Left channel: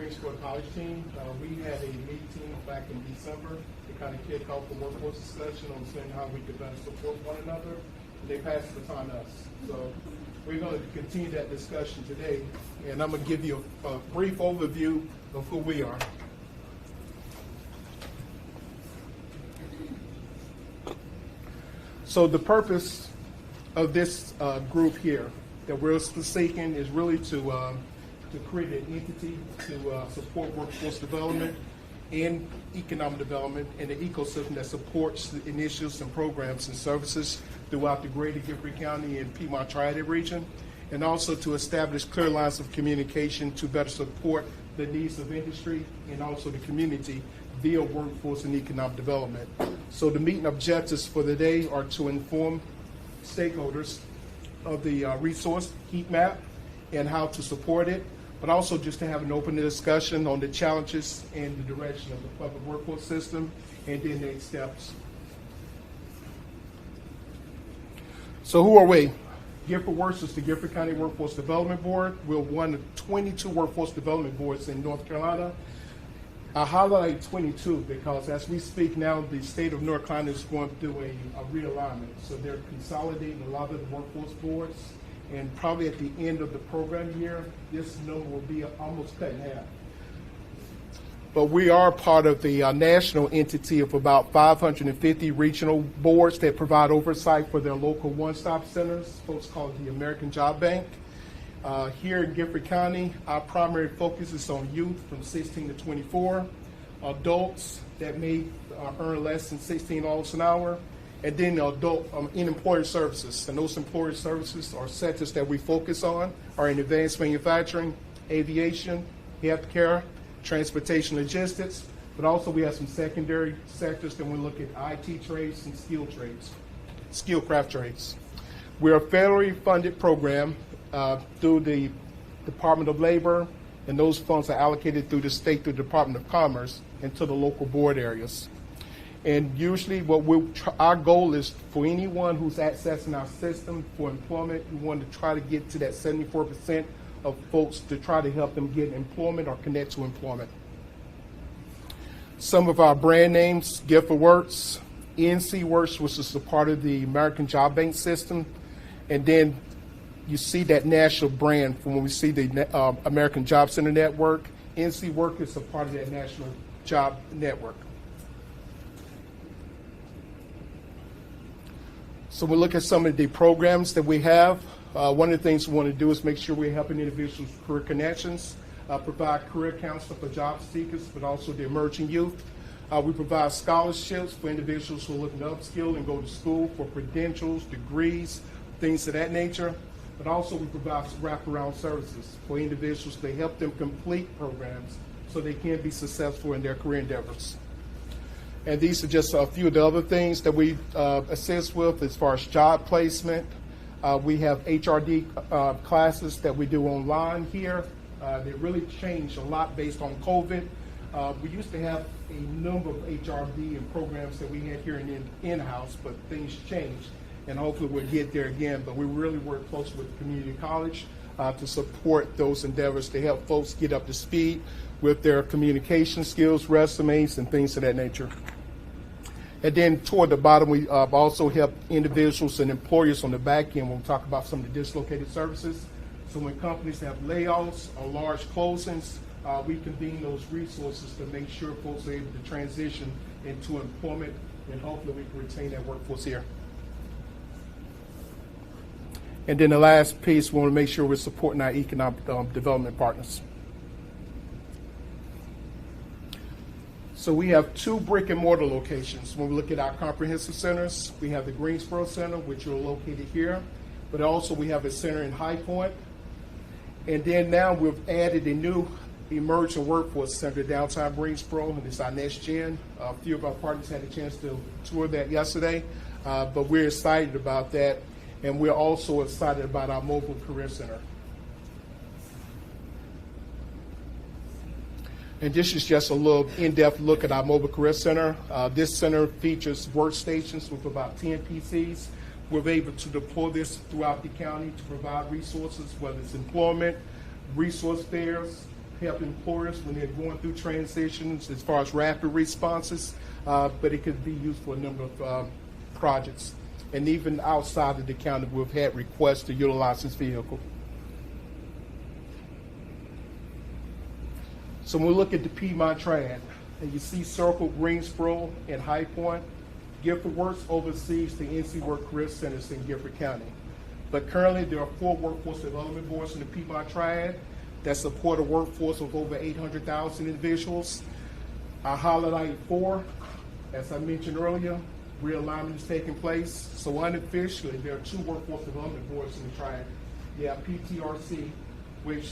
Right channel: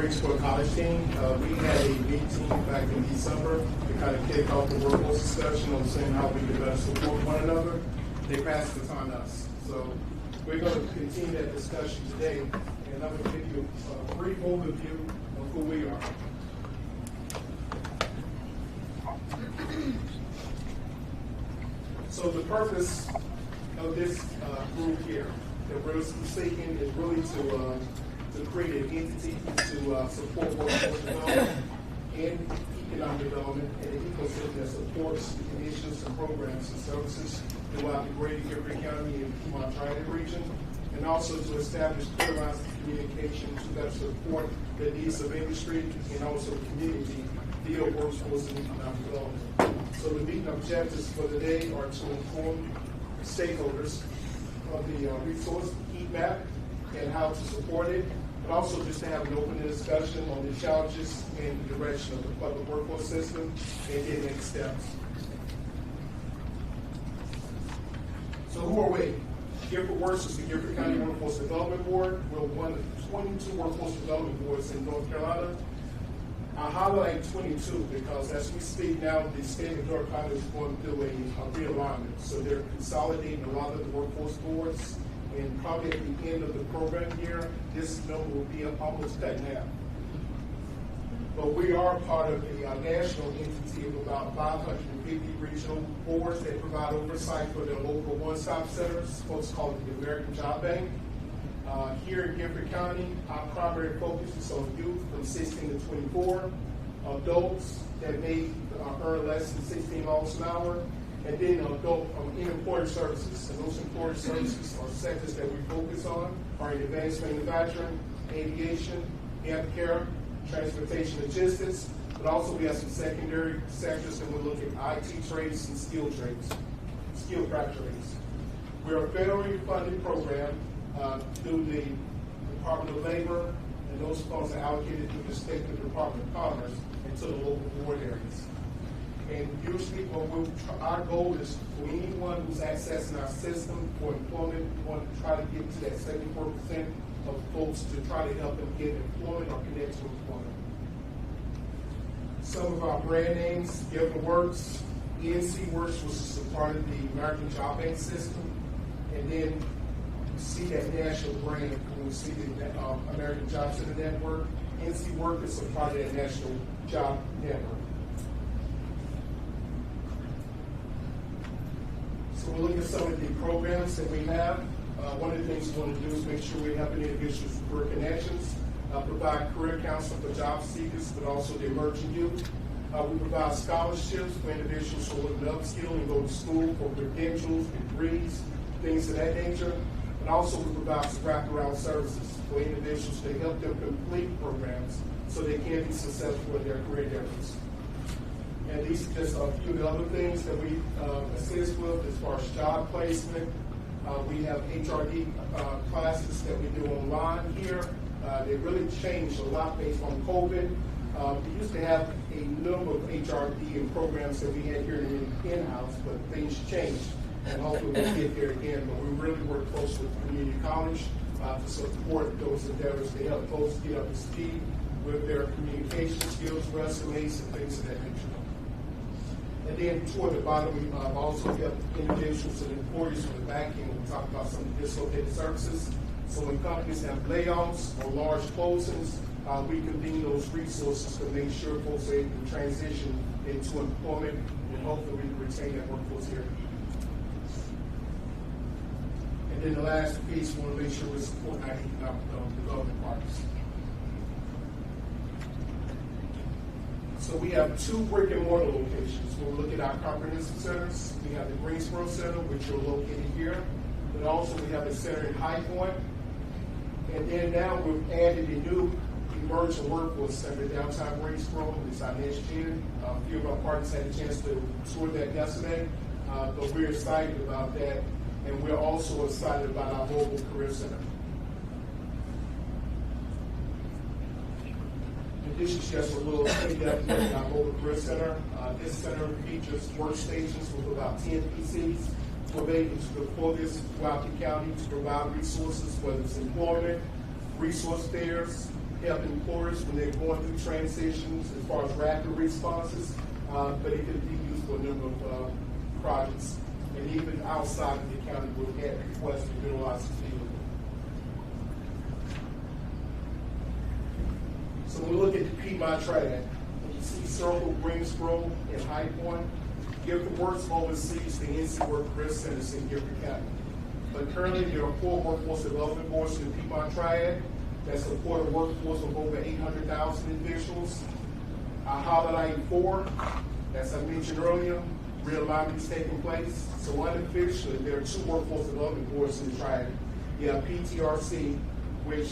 Greensboro College team. We had a meeting back in December to kind of kick off the workforce discussion on seeing how we could better support one another. They passed the baton to us. So we're going to continue that discussion today, and I'm going to give you a brief overview of who we are. So the purpose of this group here that we're seeking is really to create an entity to support workforce development and economic development and the ecosystem that supports the initiatives and programs and services throughout the greater Guilford County and Piedmont Triad region, and also to establish clear lines of communication to better support the needs of industry and also the community via workforce and economic development. So the meeting objectives for the day are to inform stakeholders of the resource heat map and how to support it, but also just to have an open discussion on the challenges and the direction of the workforce system and then next steps. So who are we? GuilfordWorks is the Guilford County Workforce Development Board. We're one of 22 workforce development boards in North Carolina. I highlight 22 because as we speak now, the state of North Carolina is going through a realignment. So they're consolidating a lot of the workforce boards, and probably at the end of the program here, this number will be almost cut in half. But we are part of the national entity of about 550 regional boards that provide oversight for their local one-stop centers, folks call it the American Job Bank. Here in Guilford County, our primary focus is on youth from 16 to 24, adults that may earn less than $16 an hour, and then adult in employer services. And those employer services are sectors that we focus on, are in advanced manufacturing, aviation, healthcare, transportation logistics, but also we have some secondary sectors that we look at IT trades and skilled craft trades. We're a federally funded program through the Department of Labor, and those funds are allocated through the state, through the Department of Commerce, and to the local board areas. And usually our goal is for anyone who's accessing our system for employment, we want to try to get to that 74% of folks to try to help them get employment or connect to employment. Some of our brand names: GuilfordWorks, NC Works, which is a part of the American Job Bank system, and then you see that national brand from when we see the American Job Center Network. NC Works is a part of that national job network. So we'll look at some of the programs that we have. One of the things we want to do is make sure we're helping individuals with career connections, provide career counseling for job seekers, but also the emerging youth. We provide scholarships for individuals who are looking to upskill and go to school for credentials, degrees, things of that nature. But also we provide some wraparound services for individuals to help them complete programs so they can be successful in their career endeavors. And these are just a few of the other things that we assist with as far as job placement. We have HRD classes that we do online here. They really changed a lot based on COVID. We used to have a number of HRD and programs that we had here in-house, but things changed. And hopefully we'll get there again. But we really work close with community college to support those endeavors to help folks get up to speed with their communication skills, resumes, and things of that nature. And then toward the bottom, we also help individuals and employers on the back end. We'll talk about some of the dislocated services. So when companies have layoffs or large closings, we convene those resources to make sure folks are able to transition into employment and hopefully retain that workforce here. And then the last piece, we want to make sure we're supporting our economic development partners. So we have 2 brick and mortar locations. When we look at our comprehensive centers, we have the Greensboro Center, which are located here, but also we have a center in High Point. And then now we've added a new emerging workforce center downtown Greensboro. It's our next gen. A few of our partners had a chance to tour that yesterday, but we're excited about that. And we're also excited about our mobile career center. And this is just a little in-depth look at our mobile career center. This center features workstations with about 10 PCs. We're able to deploy this throughout the county to provide resources, whether it's employment, resource fairs, help employers when they're going through transitions as far as rapid responses, but it could be used for a number of projects. And even outside of the county, we've had requests to utilize this vehicle. So when we look at the Piedmont Triad, and you see Circle, Greensboro, and High Point, GuilfordWorks oversees the NC Work Career Centers in Guilford County. But currently, there are 4 workforce development boards in the Piedmont Triad that support a workforce of over 800,000 individuals. I highlight 4, as I mentioned earlier, realignment is taking place. So unofficially, there are 2 workforce development boards in the Triad. You have PTRC, which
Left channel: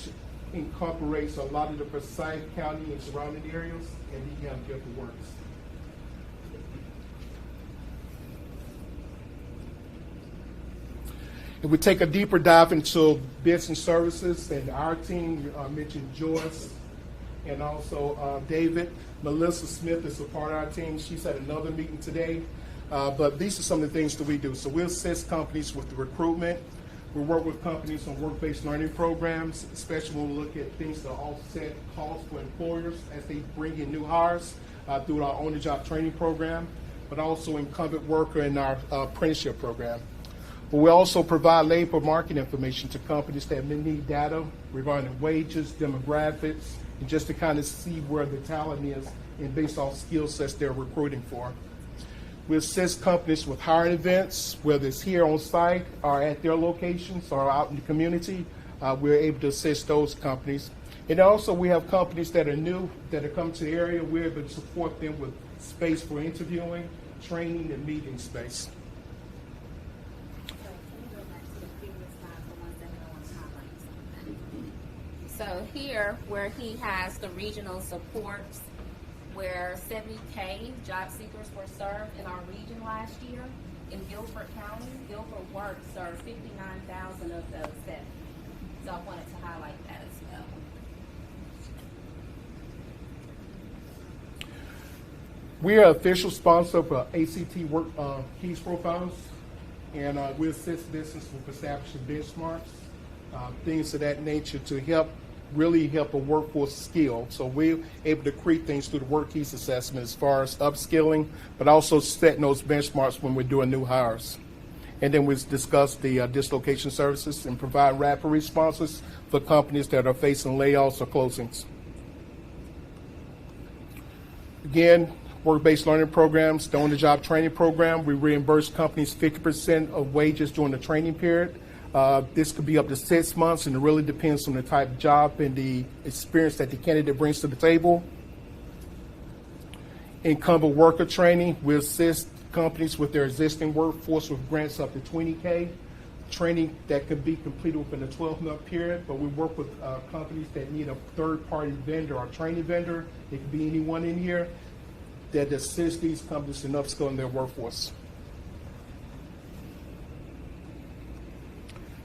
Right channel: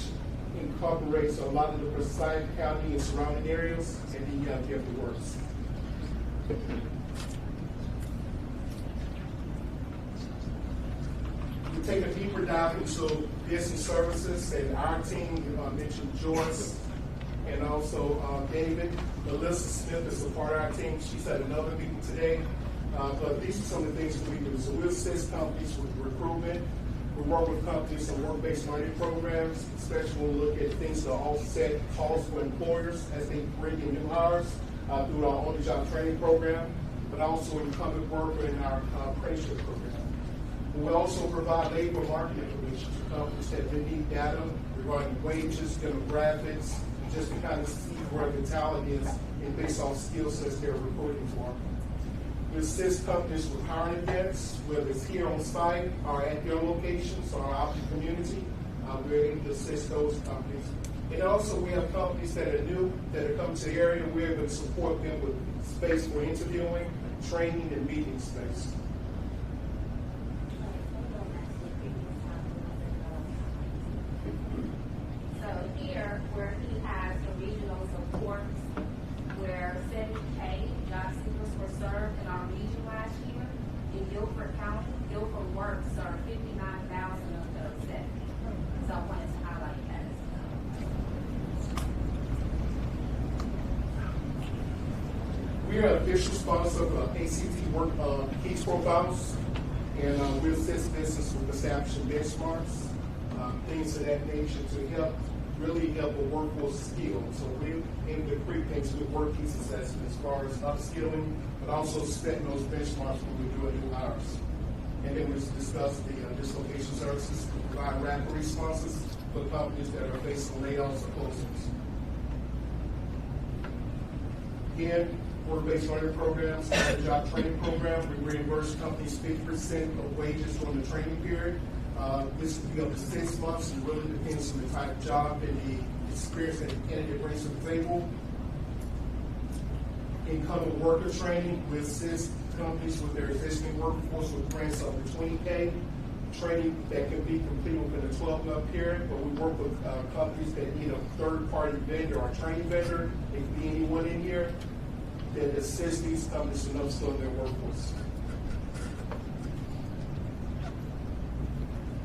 incorporates a lot of the Forsyth County and surrounding areas, and then you have GuilfordWorks. If we take a deeper dive into business services, and our team mentioned Joyce and also David. Melissa Smith is a part of our team. She's at another meeting today. But these are some of the things that we do. So we assist companies with recruitment. We work with companies on work-based learning programs, especially when we look at things that offset costs for employers as they bring in new hires through our on-the-job training program, but also incumbent worker in our apprenticeship program. But we also provide labor market information to companies that may need data regarding wages, demographics, and just to kind of see where the talent is and based on skill sets they're recruiting for. We assist companies with hiring events, whether it's here on site or at their locations or out in the community. We're able to assist those companies. And also we have companies that are new, that are coming to the area. We're able to support them with space for interviewing, training, and meeting space. So here, where he has the regional support, where 70K job seekers were served in our region last year, in Guilford County, GuilfordWorks served 59,000 of those set. So I wanted to highlight that as well. We are official sponsor of ACT Work Case Profiles, and we assist business with establishing benchmarks, things of that nature to really help a workforce skill. So we're able to create things through the work keys assessment as far as upskilling, but also setting those benchmarks when we're doing new hires. And then we discuss the dislocation services and provide rapid responses for companies that are facing layoffs or closings. Again, work-based learning programs, the on-the-job training program, we reimburse companies 50% of wages during the training period. This could be up to 6 months, and it really depends on the type of job and the experience that the candidate brings to the table. Incumbent worker training, we assist companies with their existing workforce with grants up to 20K. Training that could be completed within a 12-month period, but we work with companies that need a third-party vendor or training vendor. It could be anyone in here that assists these companies in upskilling their workforce.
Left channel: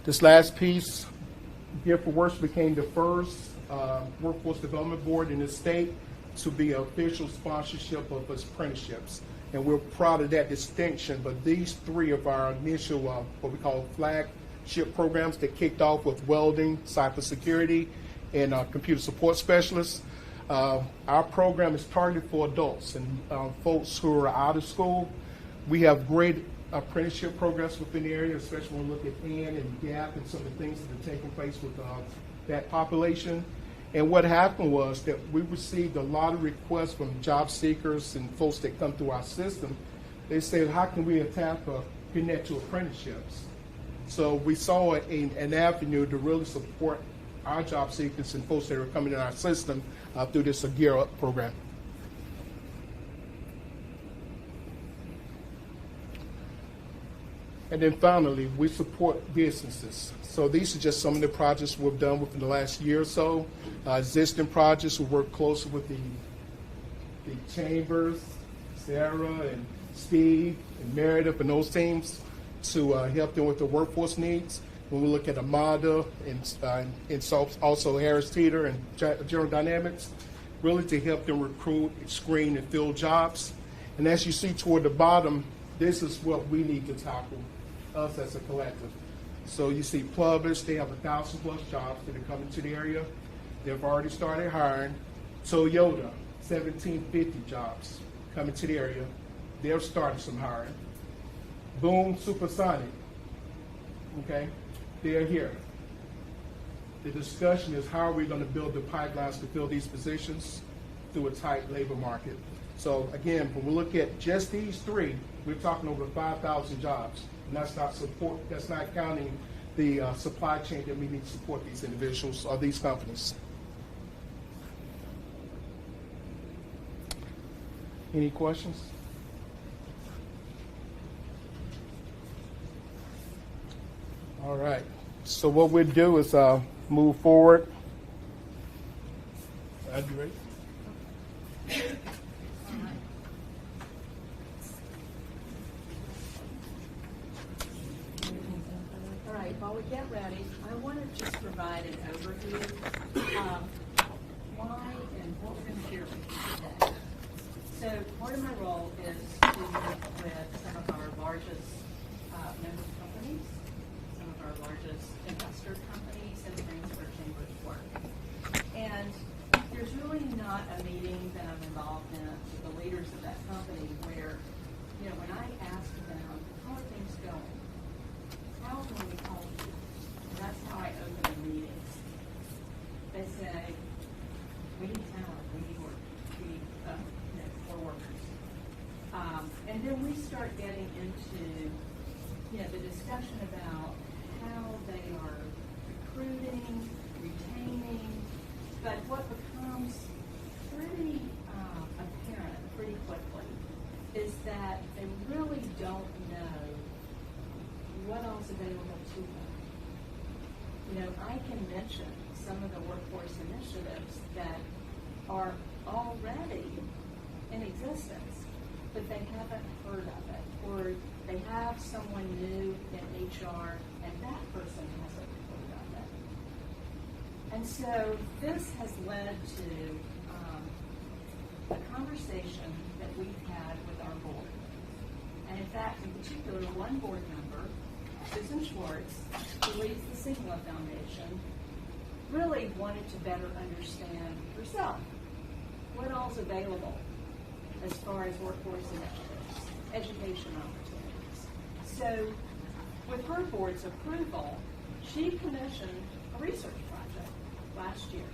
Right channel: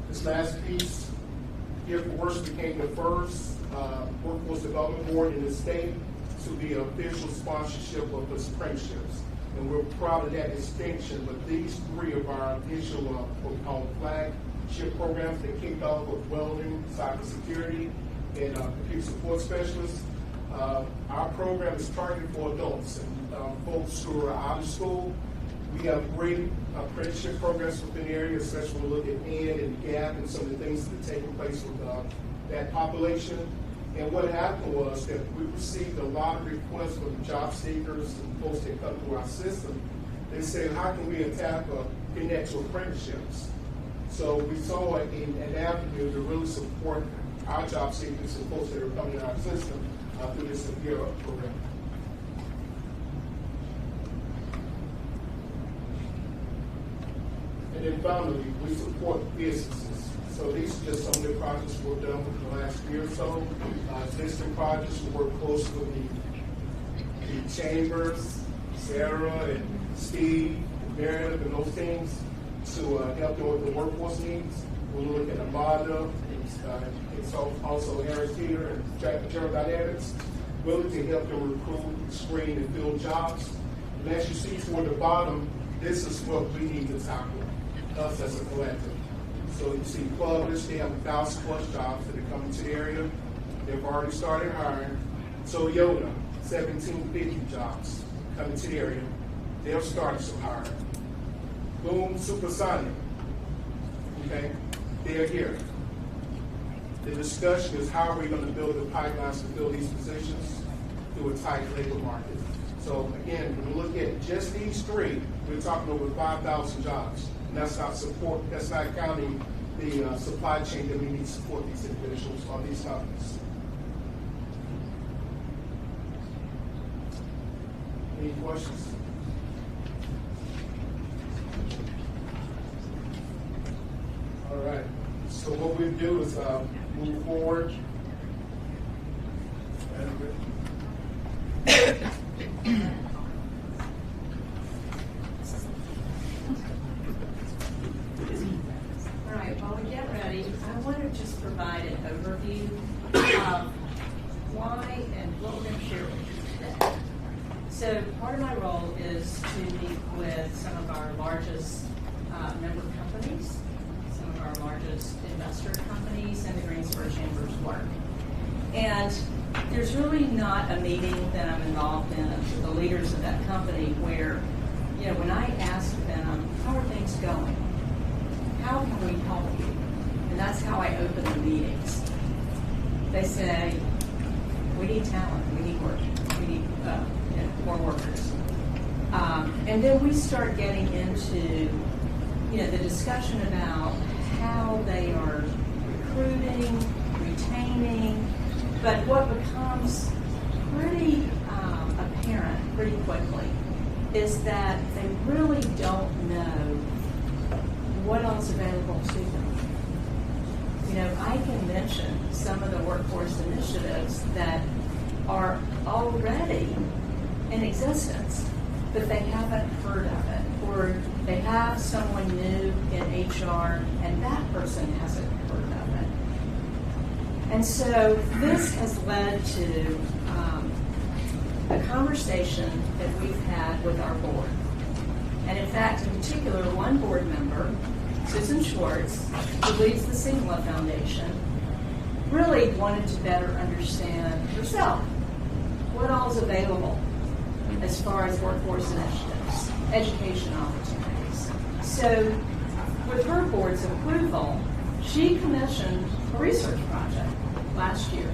This last piece, GuilfordWorks became the first workforce development board in the state to be an official sponsorship of apprenticeships. And we're proud of that distinction, but these 3 of our initial, what we call flagship programs that kicked off with welding, cybersecurity, and computer support specialists. Our program is targeted for adults and folks who are out of school. We have great apprenticeship programs within the area, especially when we look at AND and GAP and some of the things that are taking place with that population. And what happened was that we received a lot of requests from job seekers and folks that come through our system. They said, how can we attack or connect to apprenticeships? So we saw an avenue to really support our job seekers and folks that are coming in our system through this Gear Up program. And then finally, we support businesses. So these are just some of the projects we've done within the last year or so. Existing projects, we work closely with the chambers, Sarah and Steve, and Meredith, and those teams to help them with the workforce needs. When we look at Amada and also Harris Teeter and General Dynamics, really to help them recruit, screen, and fill jobs. And as you see toward the bottom, this is what we need to tackle, us as a collective. So you see plumbers, they have 1,000+ jobs that are coming to the area. They've already started hiring. Toyota, 1750 jobs coming to the area. They've started some hiring. Boom Supersonic, okay, they're here. The discussion is how are we going to build the pipelines to fill these positions through a tight labor market. So again, when we look at just these three, we're talking over 5,000 jobs. And that's not counting the supply chain that we need to support these individuals or these companies. Any questions? All right. So what we'll do is move forward. All right, while we get ready, I want to just provide an overview of why and what we're going to share with you today. So part of my role is to meet with some of our largest member companies, some of our largest investor companies, and the Greensboro Chamber's work. And there's really not a meeting that I'm involved in with the leaders of that company where, you know, when I ask them, how are things going? How can we help you? And that's how I open the meetings. They say, we need talent, we need work, we need more workers. And then we start getting into, you know, the discussion about how they are recruiting, retaining, but what becomes pretty apparent pretty quickly is that they really don't know what else is available to them. You know, I can mention some of the workforce initiatives that are already in existence, but they haven't heard of it, or they have someone new in HR and that person hasn't heard of it. And so this has led to a conversation that we've had with our board. And in fact, in particular, one board member, Susan Schwartz, who leads the Singla Foundation, really wanted to better understand herself what all is available as far as workforce initiatives, education opportunities. So with her board's approval, she commissioned a research project last year.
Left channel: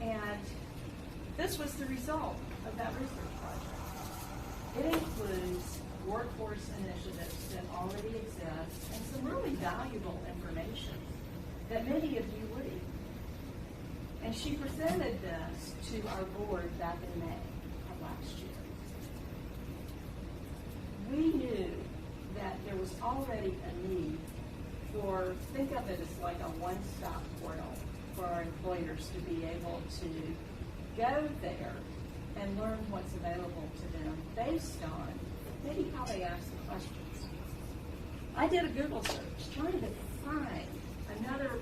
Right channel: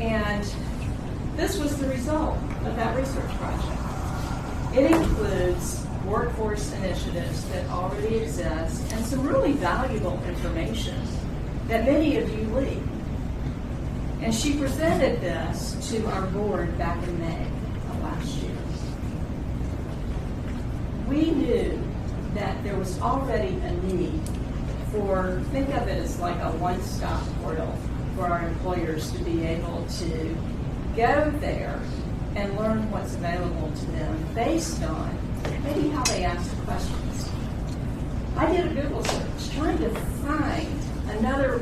And this was the result of that research project. It includes workforce initiatives that already exist and some really valuable information that many of you lead. And she presented this to our board back in May of last year. We knew that there was already a need for, think of it as like a one-stop portal for our employers to be able to go there and learn what's available to them based on maybe how they ask questions. I did a Google search trying to find another,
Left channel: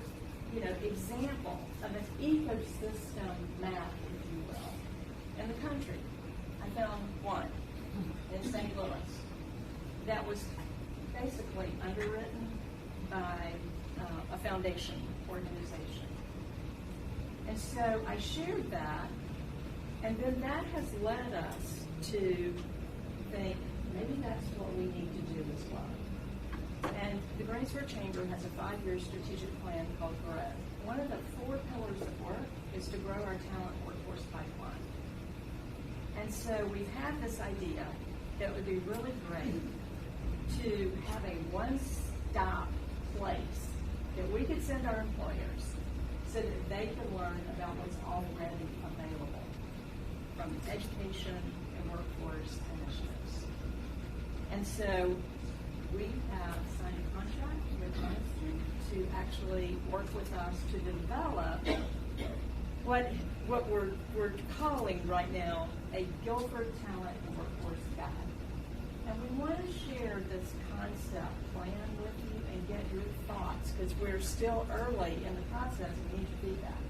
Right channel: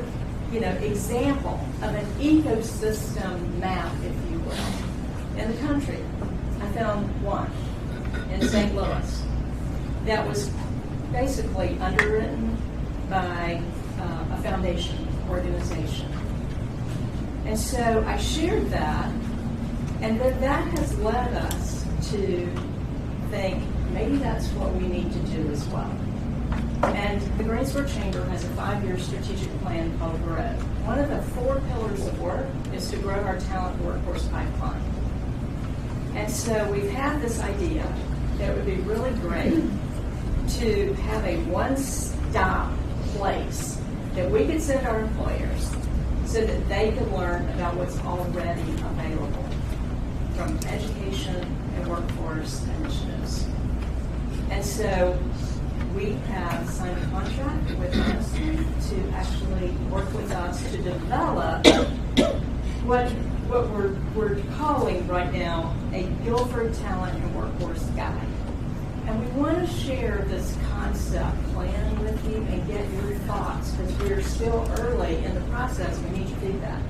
example of an ecosystem map, if you will, in the country. I found one in St. Louis that was basically underwritten by a foundation organization. And so I shared that, and then that has led us to think maybe that's what we need to do as well. And the Greensboro Chamber has a 5-year strategic plan called GROW. One of the 4 pillars of work is to grow our talent workforce pipeline. And so we've had this idea that it would be really great to have a one-stop place that we could send our employers so that they can learn about what's already available from education and workforce initiatives. And so we have signed a contract with us to actually work with us to develop what we're calling right now a Guilford Talent and Workforce Guide. And we want to share this concept plan with you and get your thoughts, because we're still early in the process. We need your feedback.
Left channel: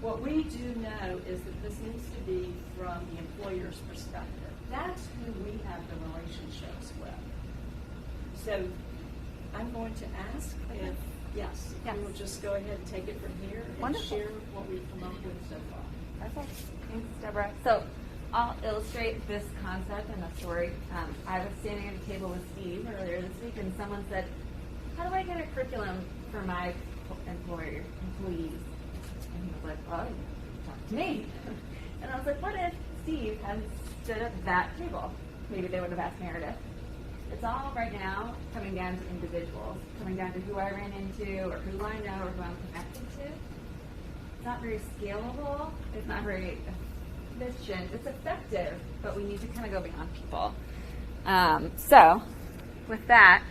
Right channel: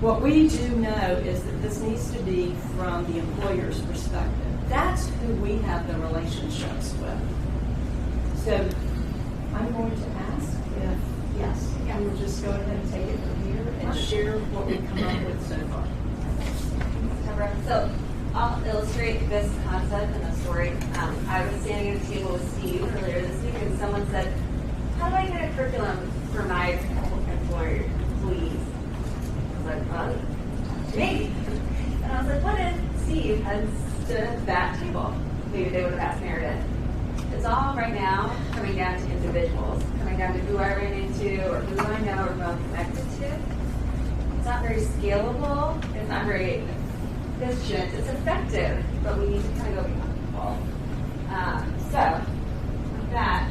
What we do know is that this needs to be from the employer's perspective. That's who we have the relationships with. So I'm going to ask if, yes, we'll just go ahead and take it from here and share what we've come up with so far. So I'll illustrate this concept and the story. I was standing at a table with Steve earlier this week, and someone said, "How do I get a curriculum for my employees?" I was like, "Well, to me." And I was like, "What if Steve had stood at that table? Maybe they would have asked Meredith." It's all right now coming down to individuals, coming down to who I ran into or who I know or who I'm connected to. It's not very scalable. It's not very efficient. It's effective, but we need to kind of go beyond people. So, with that,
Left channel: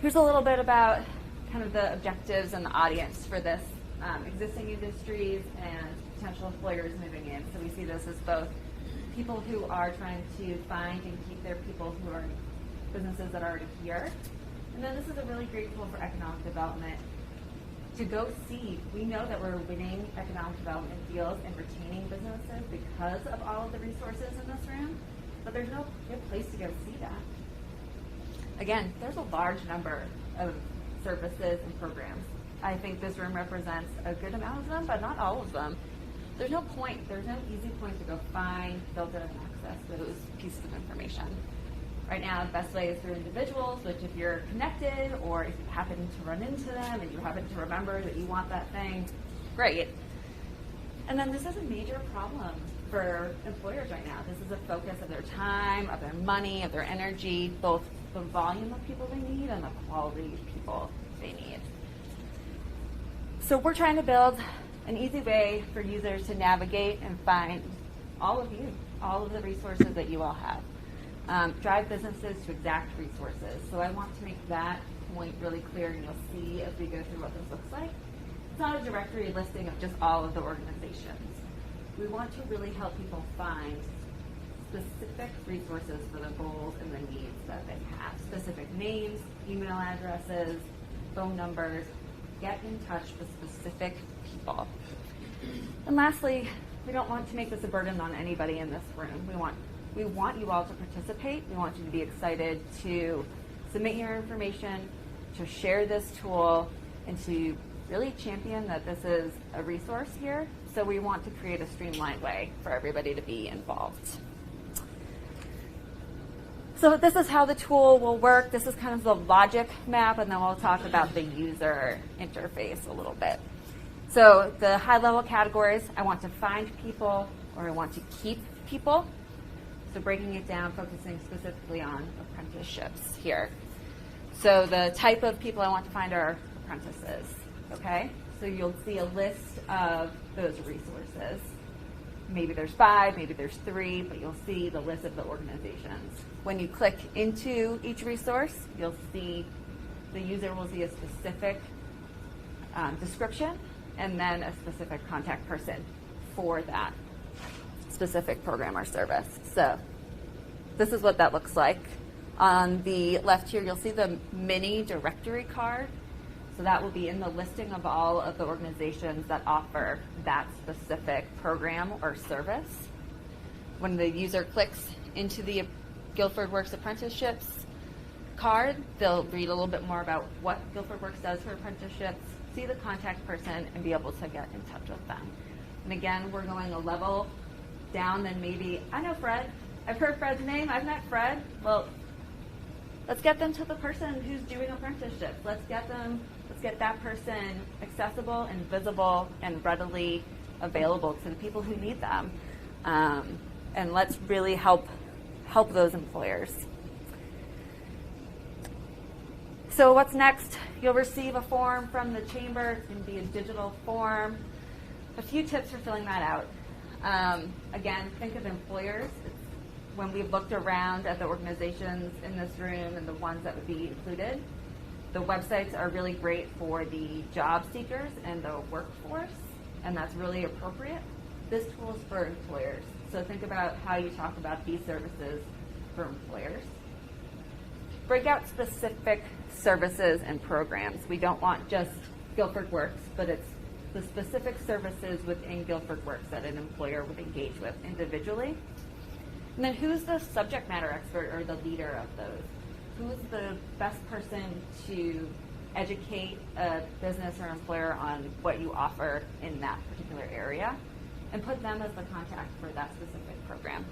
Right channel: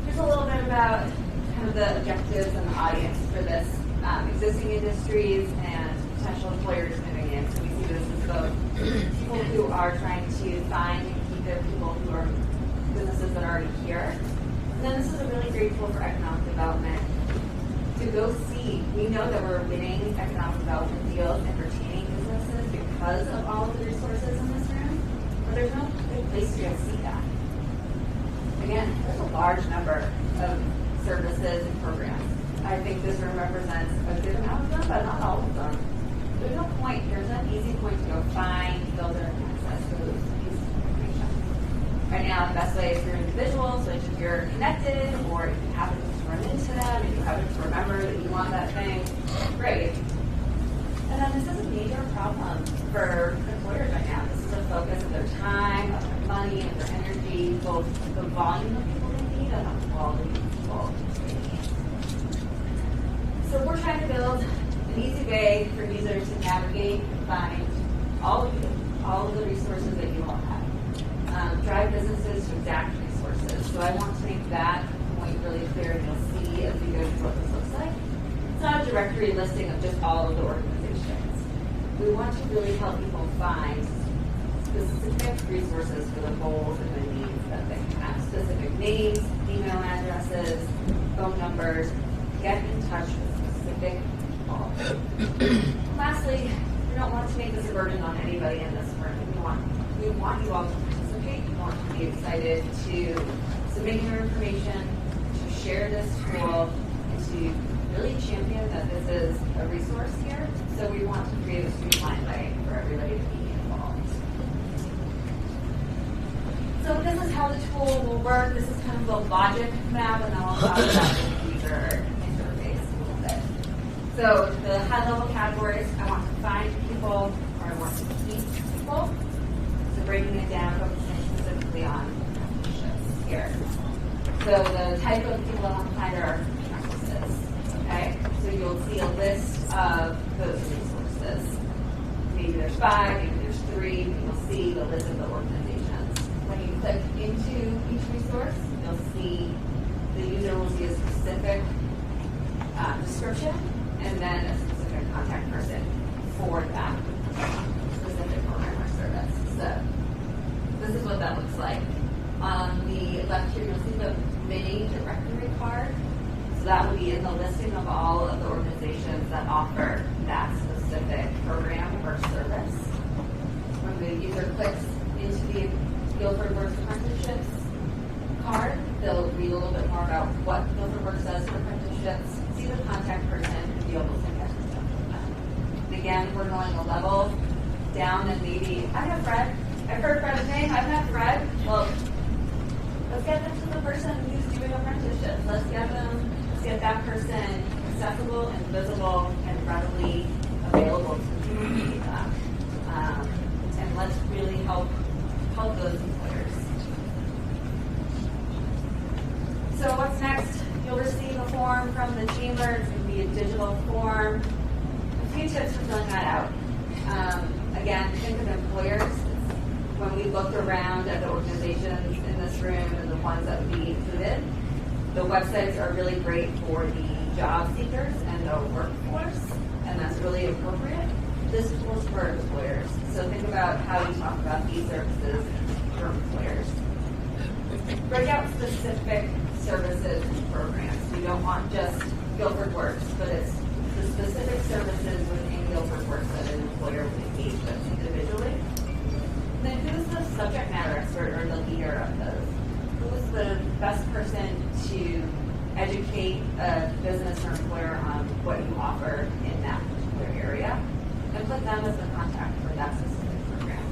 here's a little bit about kind of the objectives and the audience for this, existing industries and potential employers moving in. So we see this as both people who are trying to find and keep their people who are businesses that are already here. And then this is a really great tool for economic development. To go see, we know that we're winning economic development deals and retaining businesses because of all of the resources in this room, but there's no good place to go see that. Again, there's a large number of services and programs. I think this room represents a good amount of them, but not all of them. There's no easy point to go find, filter, and access those pieces of information. Right now, the best way is through individuals, which if you're connected or if you happen to run into them and you happen to remember that you want that thing, great. And then this is a major problem for employers right now. This is a focus of their time, of their money, of their energy, both the volume of people they need and the quality of people they need. So we're trying to build an easy way for users to navigate and find all of the resources that you all have. Drive businesses to exact resources. So I want to make that point really clear, and you'll see as we go through what this looks like. It's not a directory listing of just all of the organizations. We want to really help people find specific resources for the goals and the needs that they have. Specific names, email addresses, phone numbers. Get in touch with specific people. And lastly, we don't want to make this a burden on anybody in this room. We want you all to participate. We want you to be excited to submit your information, to share this tool, and to really champion that this is a resource here. So we want to create a streamlined way for everybody to be involved. So this is how the tool will work. This is kind of the logic map, and then we'll talk about the user interface a little bit. So the high-level categories, I want to find people, or I want to keep people. So breaking it down, focusing specifically on apprenticeships here. So the type of people I want to find are apprentices. Okay? So you'll see a list of those resources. Maybe there's 5, maybe there's 3, but you'll see the list of the organizations. When you click into each resource, you'll see the user will see a specific description and then a specific contact person for that specific program or service. So this is what that looks like. On the left here, you'll see the mini directory card. So that will be in the listing of all of the organizations that offer that specific program or service. When the user clicks into the GuilfordWorks apprenticeships card, they'll read a little bit more about what GuilfordWorks does for apprenticeships, see the contact person, and be able to get in touch with them. And again, we're going a level down than maybe, I know Fred. I've heard Fred's name. I've met Fred. Well, let's get them to the person who's doing apprenticeships. Let's get that person accessible and visible and readily available to people who need them. And let's really help those employers. So what's next? You'll receive a form from the chamber. It's going to be a digital form. A few tips for filling that out. Again, think of employers. When we looked around at the organizations in this room and the ones that would be included, the websites are really great for the job seekers and the workforce, and that's really appropriate. This tool is for employers. So think about how you talk about these services for employers. Break out specific services and programs. We don't want just GuilfordWorks, but it's the specific services within GuilfordWorks that an employer will engage with individually. And then who's the subject matter expert or the leader of those? Who's the best person to educate a business or employer on what you offer in them as the contact for that specific program.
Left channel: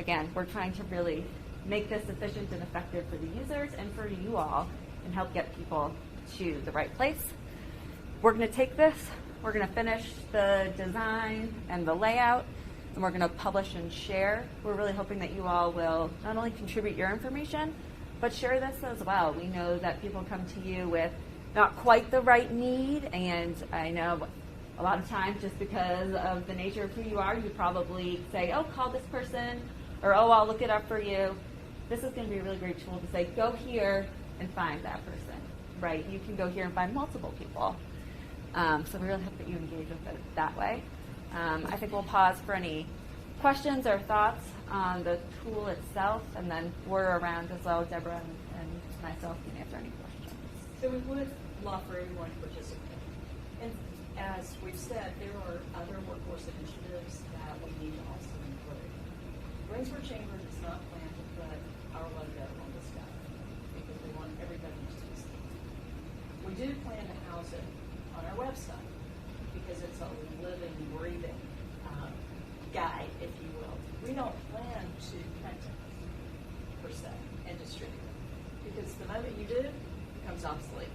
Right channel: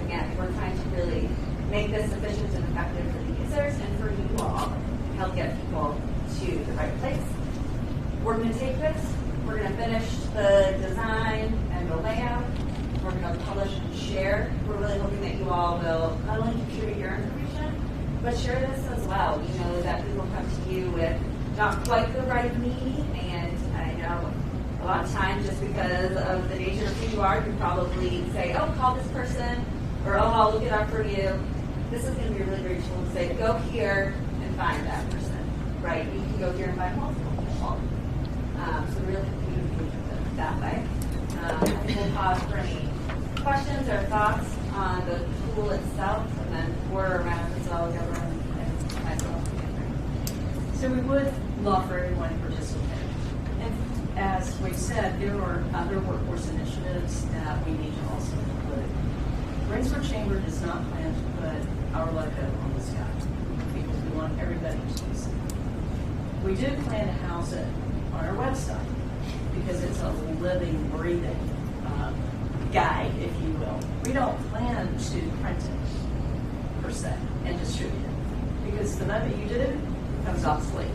Again, we're trying to really make this efficient and effective for the users and for you all, and help get people to the right place. We're going to take this, we're going to finish the design and the layout, and we're going to publish and share. We're really hoping that you all will not only contribute your information, but share this as well. We know that people come to you with not quite the right need, and I know a lot of times just because of the nature of who you are, you probably say, oh, call this person, or oh, I'll look it up for you. This is going to be a really great tool to say, go here and find that person, right? You can go here and find multiple people. So we really hope you engage with it that way. I think we'll pause for any questions or thoughts on the tool itself, and then we're around as well as everyone. So we would love for everyone to participate. And as we've said, there are other workforce initiatives that we need to also include. Brainstorm Chamber does not plan to put our logo on the sky because we want everybody to see it. We do plan to house it on our website because it's a living, breathing guide, if you will. We don't plan to print it, per se, and distribute it because the moment you do, it becomes obsolete.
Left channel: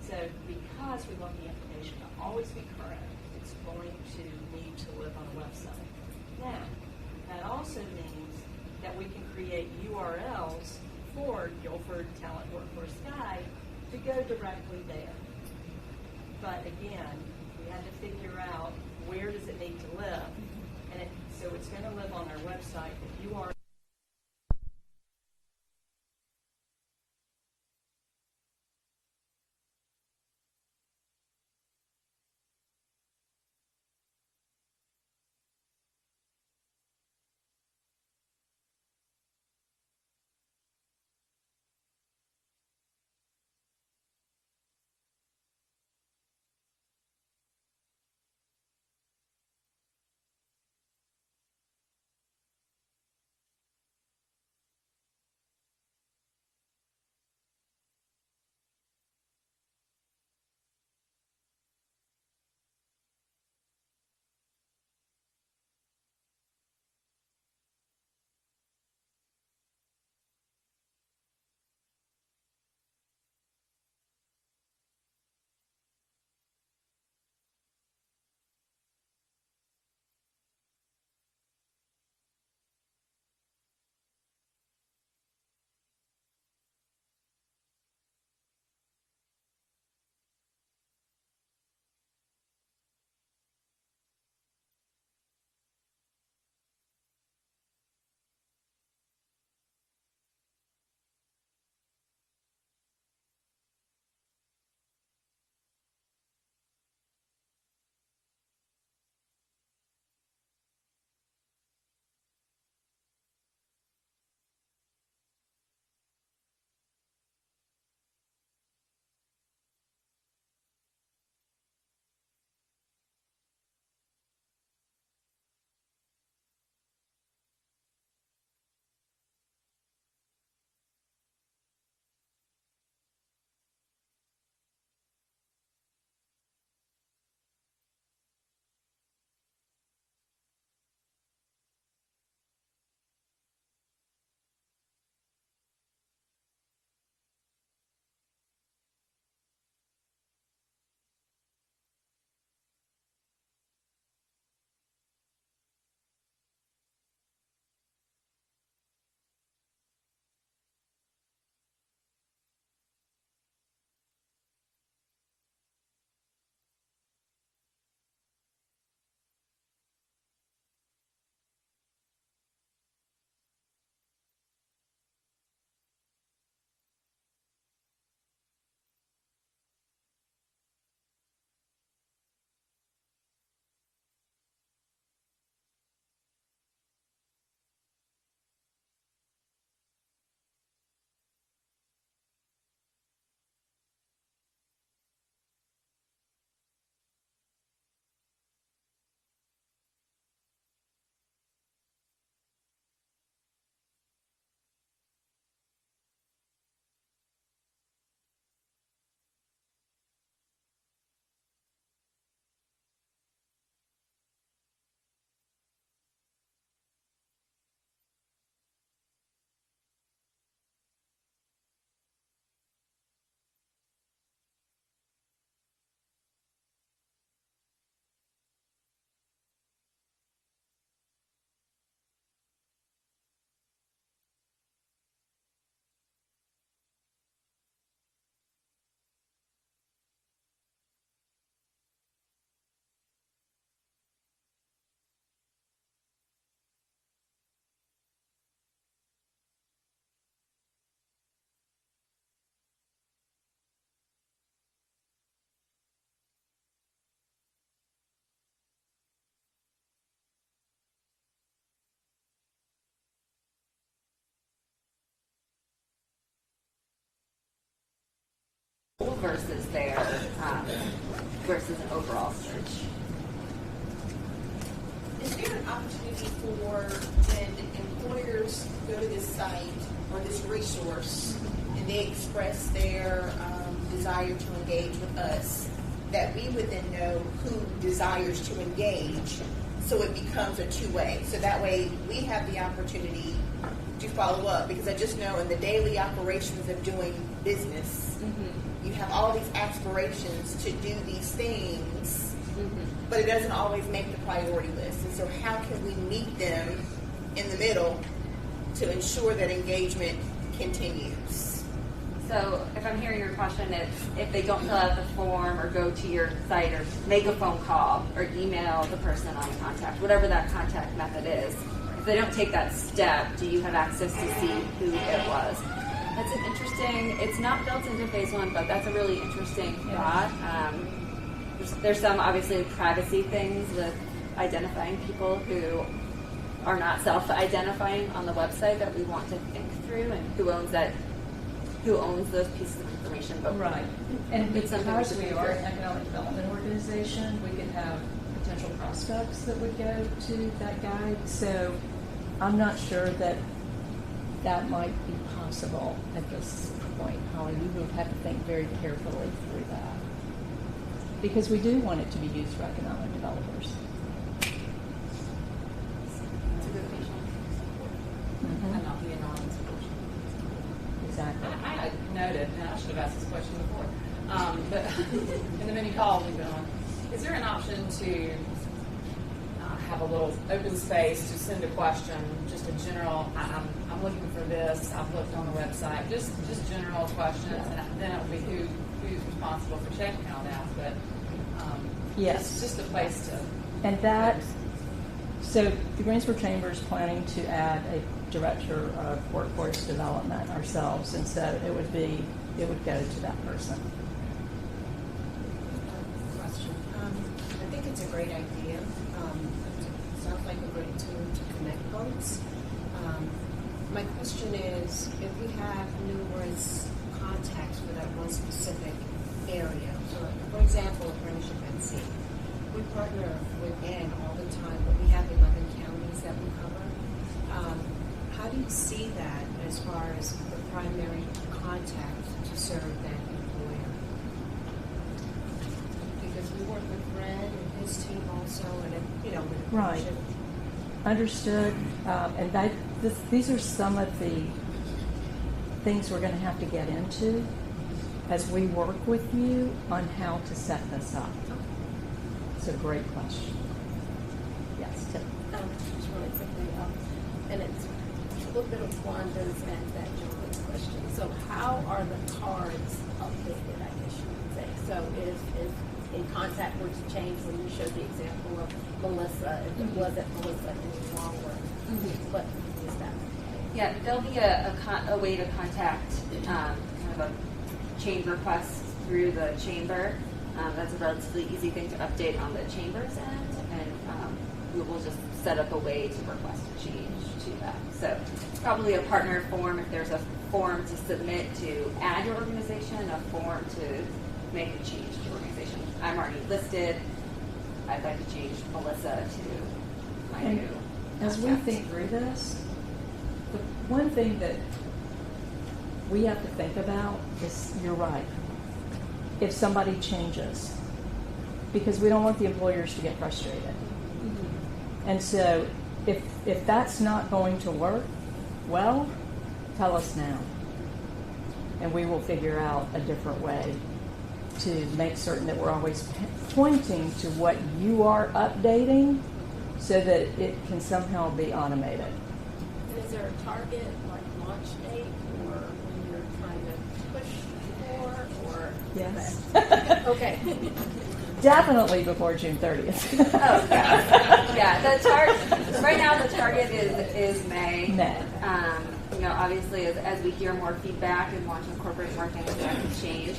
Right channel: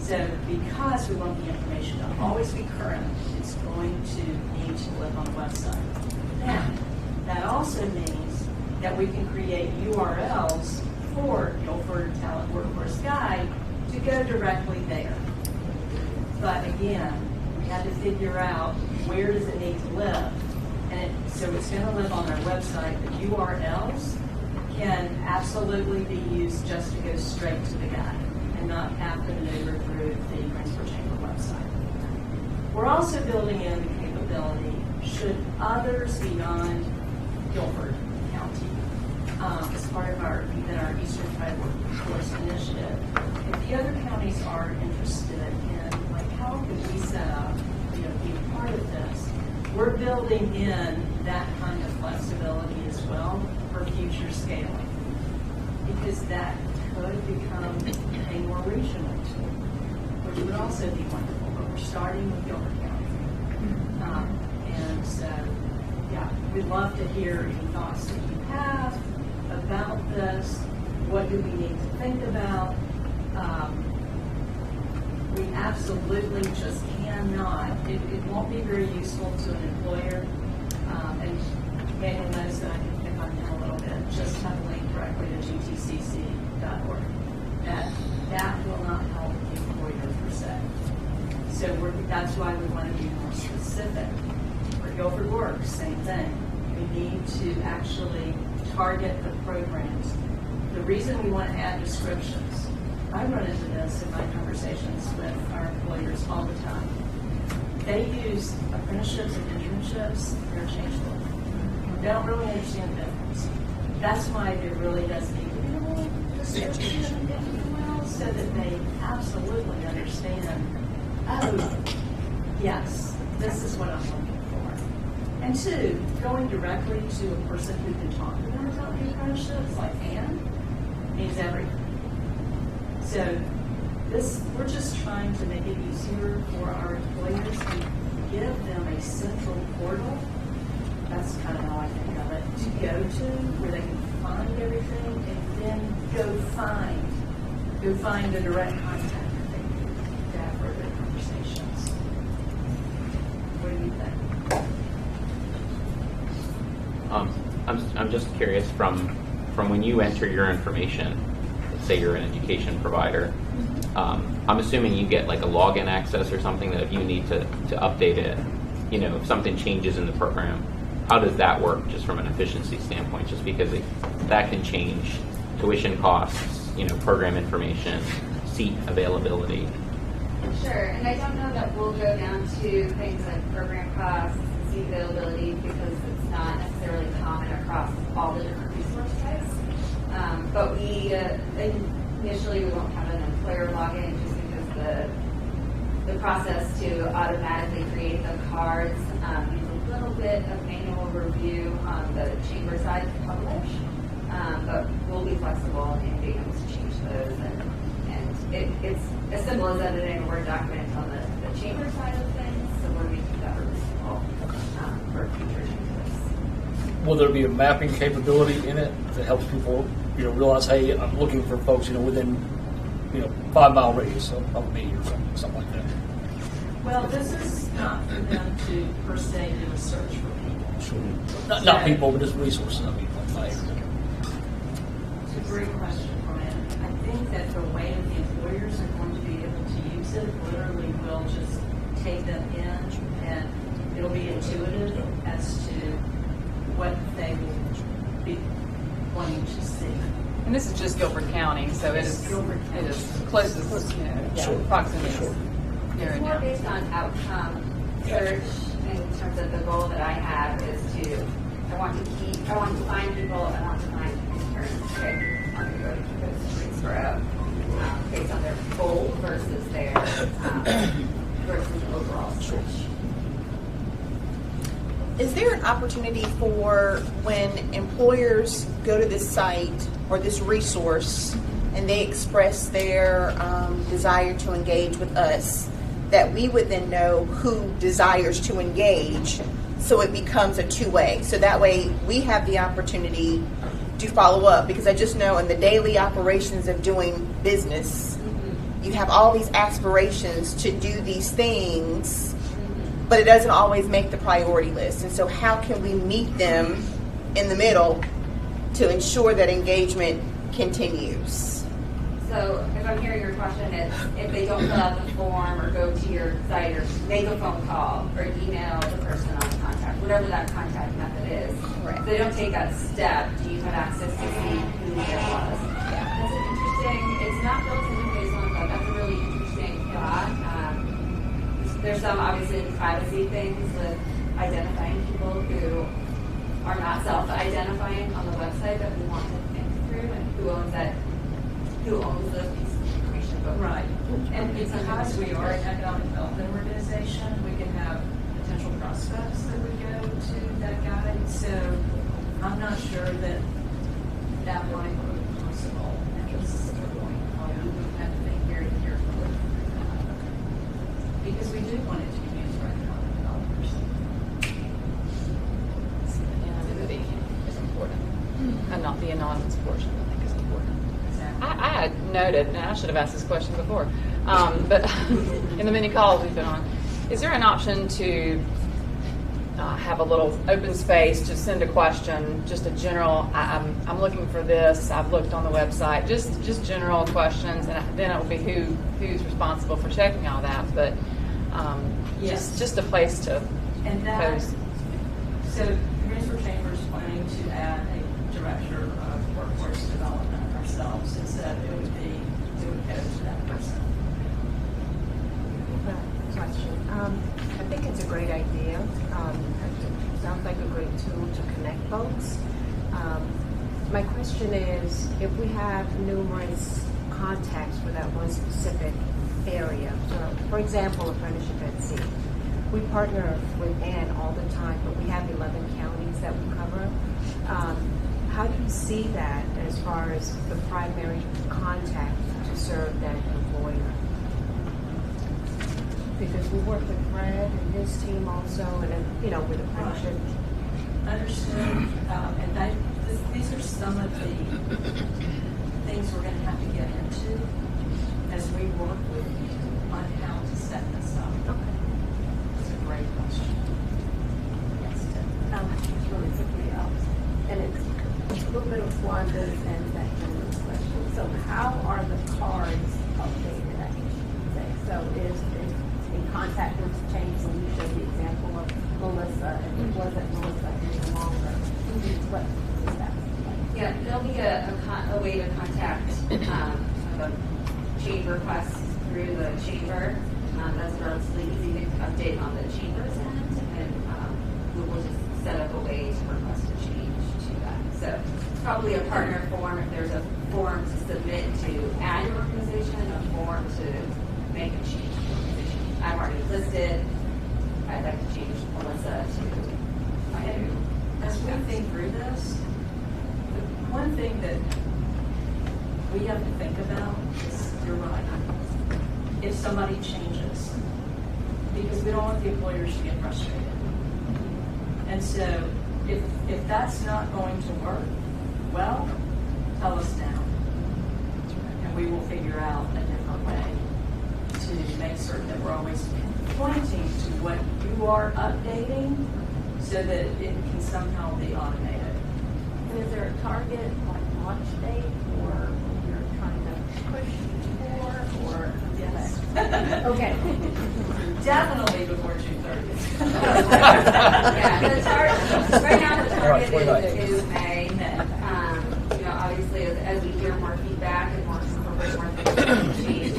So because we want the information to always be current, it's going to need to live on the website. Now, that also means that we can create URLs for Guilford Talent Workforce Guide to go directly there. But again, we had to figure out where does it need to live. And so it's going to live on our website. The URLs can absolutely be used just to go straight to the guide and not have to maneuver through the Brainstorm Chamber website. We're also building in the capability, should others beyond Guilford County, as part of our Eastern Tri Workforce Initiative, if the other counties are interested in, like, how could we set up, be a part of this, we're building in that kind of flexibility as well for future scaling, because that could become a more regional tool, which would also be wonderful. But we're starting with Guilford County, and so yeah, we'd love to hear any thoughts that you have about this. What do we need to think about? We absolutely just cannot. It won't be very useful to an employer, and Manuel knows that I can pick on him a little bit. Just have a link directly to gtcc.org. That will not help the employer per se. So that's why we want to be more specific. For GuilfordWorks, same thing. We need to actually target the programs. The reason we want to add descriptions, I run into this in my conversations with our employers all the time. They use apprenticeships and internships interchangeably. They don't really understand the difference. That's why there really does need to be a little description, if you will, so that they absolutely understand, oh, yes, this is what I'm looking for. And two, going directly to a person who can talk to them about the apprenticeships, like Anne, means everything. So we're just trying to make it easier for our employers and give them a central portal. That's kind of how I think of it, to go to where they can find everything and then go find the direct contact to have further conversations. What do you think? I'm just curious from when you enter your information, say you're an education provider, I'm assuming you get like a login access or something that if you need to update it, if something changes in the program, how does that work just from an efficiency standpoint? Just because that can change tuition costs, program information, seat availability. Sure, and I don't know that we'll go down to things like program costs and seat availability because it's not necessarily common across all the different resource types. But we initially we won't have an employer login just because the process to automatically create the cards needs a little bit of manual review on the chamber side to publish. But we'll be flexible in being able to change those, and it's as simple as editing a Word document on the chamber side of things. So we're making that removable for will there be a mapping capability in it that helps people, realize, hey, I'm looking for folks, within, 5-mile radius of me or something like that? Well, this is not for them to per se do a search for people. Sure. Not people, but just resources. I mean, like It's a great question, Brian. I think that the way that the employers are going to be able to use it literally will just take them in, and it'll be intuitive as to what they will be wanting to see. And this is just Guilford County, so it is closest, Sure. proximity. Sure. Here It's and more now. based on outcome search in terms of the goal that I have is I want to find people, I want to find interns, okay? I want to go to those streets for based on their goal versus their, versus overall search. Is there an opportunity for when employers go to this site or this resource and they express their desire to engage with us, that we would then know who desires to engage, so it becomes a two-way? So that way we have the opportunity to follow up, because I just know in the daily operations of doing business, you have all these aspirations to do these things, but it doesn't always make the priority list. And so how can we meet them in the middle to ensure that engagement continues? So if I'm hearing your question, it's if they don't fill out the form or go to your site or make a phone call or email the person on contact, whatever that contact method is, if they don't take that step, do you have access to see who it was? That's an interesting, it's not built into phase one, but that's a really interesting thought. There's some obviously privacy things with identifying people who are not self-identifying on the website that we want to think through, and who owns those pieces of information. But Right. And it's something because we we should are do. an economic development organization, we can have potential prospects that would go to that guide. So I'm not sure that that might be possible at this point. We would have to think very carefully through that. Because we do want it to be used for economic developers. Anonymity is important, and not the anonymous portion, I think is important. Exactly. I had noted, and I should have asked this question before, but in the many calls we've been on, is there an option to have a little open space to send a question, just a general, I'm looking for this, I've looked on the website, just general questions, and then it will be who's responsible for checking all that, but Yes. just a place to And that, post. so the Greensboro Chamber is planning to add a director of workforce development ourselves, and so it would go to that person. Question. I think it's a great idea. Sounds like a great tool to connect folks. My question is, if we have numerous contacts for that one specific area, for example, Apprenticeship at Sea, we partner with Ann all the time, but we have 11 counties that we cover. How do you see that as far as the primary contact to serve that employer? Because we work with Fred and his team also, and then, with the Right. apprenticeship. Understood. These are some of the things we're going to have to get into as we work with you on how to set this up. Okay. It's a great question. Yes, Tim. Just really quickly, and it's a little bit of Wanda's and that gentleman's question. So how are the cards updated, I guess you would say? So if in contact were to change, so you showed the example of Melissa, if it wasn't Melissa any longer, what is that? Yeah, there'll be a way to contact a change request through the chamber. That's a relatively easy thing to update on the chamber's end, and we will just set up a way to request a change to that. So probably a partner form, if there's a form to submit to add an organization, a form to make a change to the organization. I'm already listed. I'd like to change Melissa to my new. As we think through this, the one thing that we have to think about is, you're right, if somebody changes, because we don't want the employers to get frustrated. And so if that's not going to work, well, tell us now. And we will figure out a different way to make certain that we're always pointing to what you are updating so that it can somehow be automated. And is there a target, like launch date, or you're trying to push for, or? Yes. Okay. Definitely before June 30th. Yeah, the target, right now the target is May. You know, obviously as we hear more feedback and more incorporate more things change.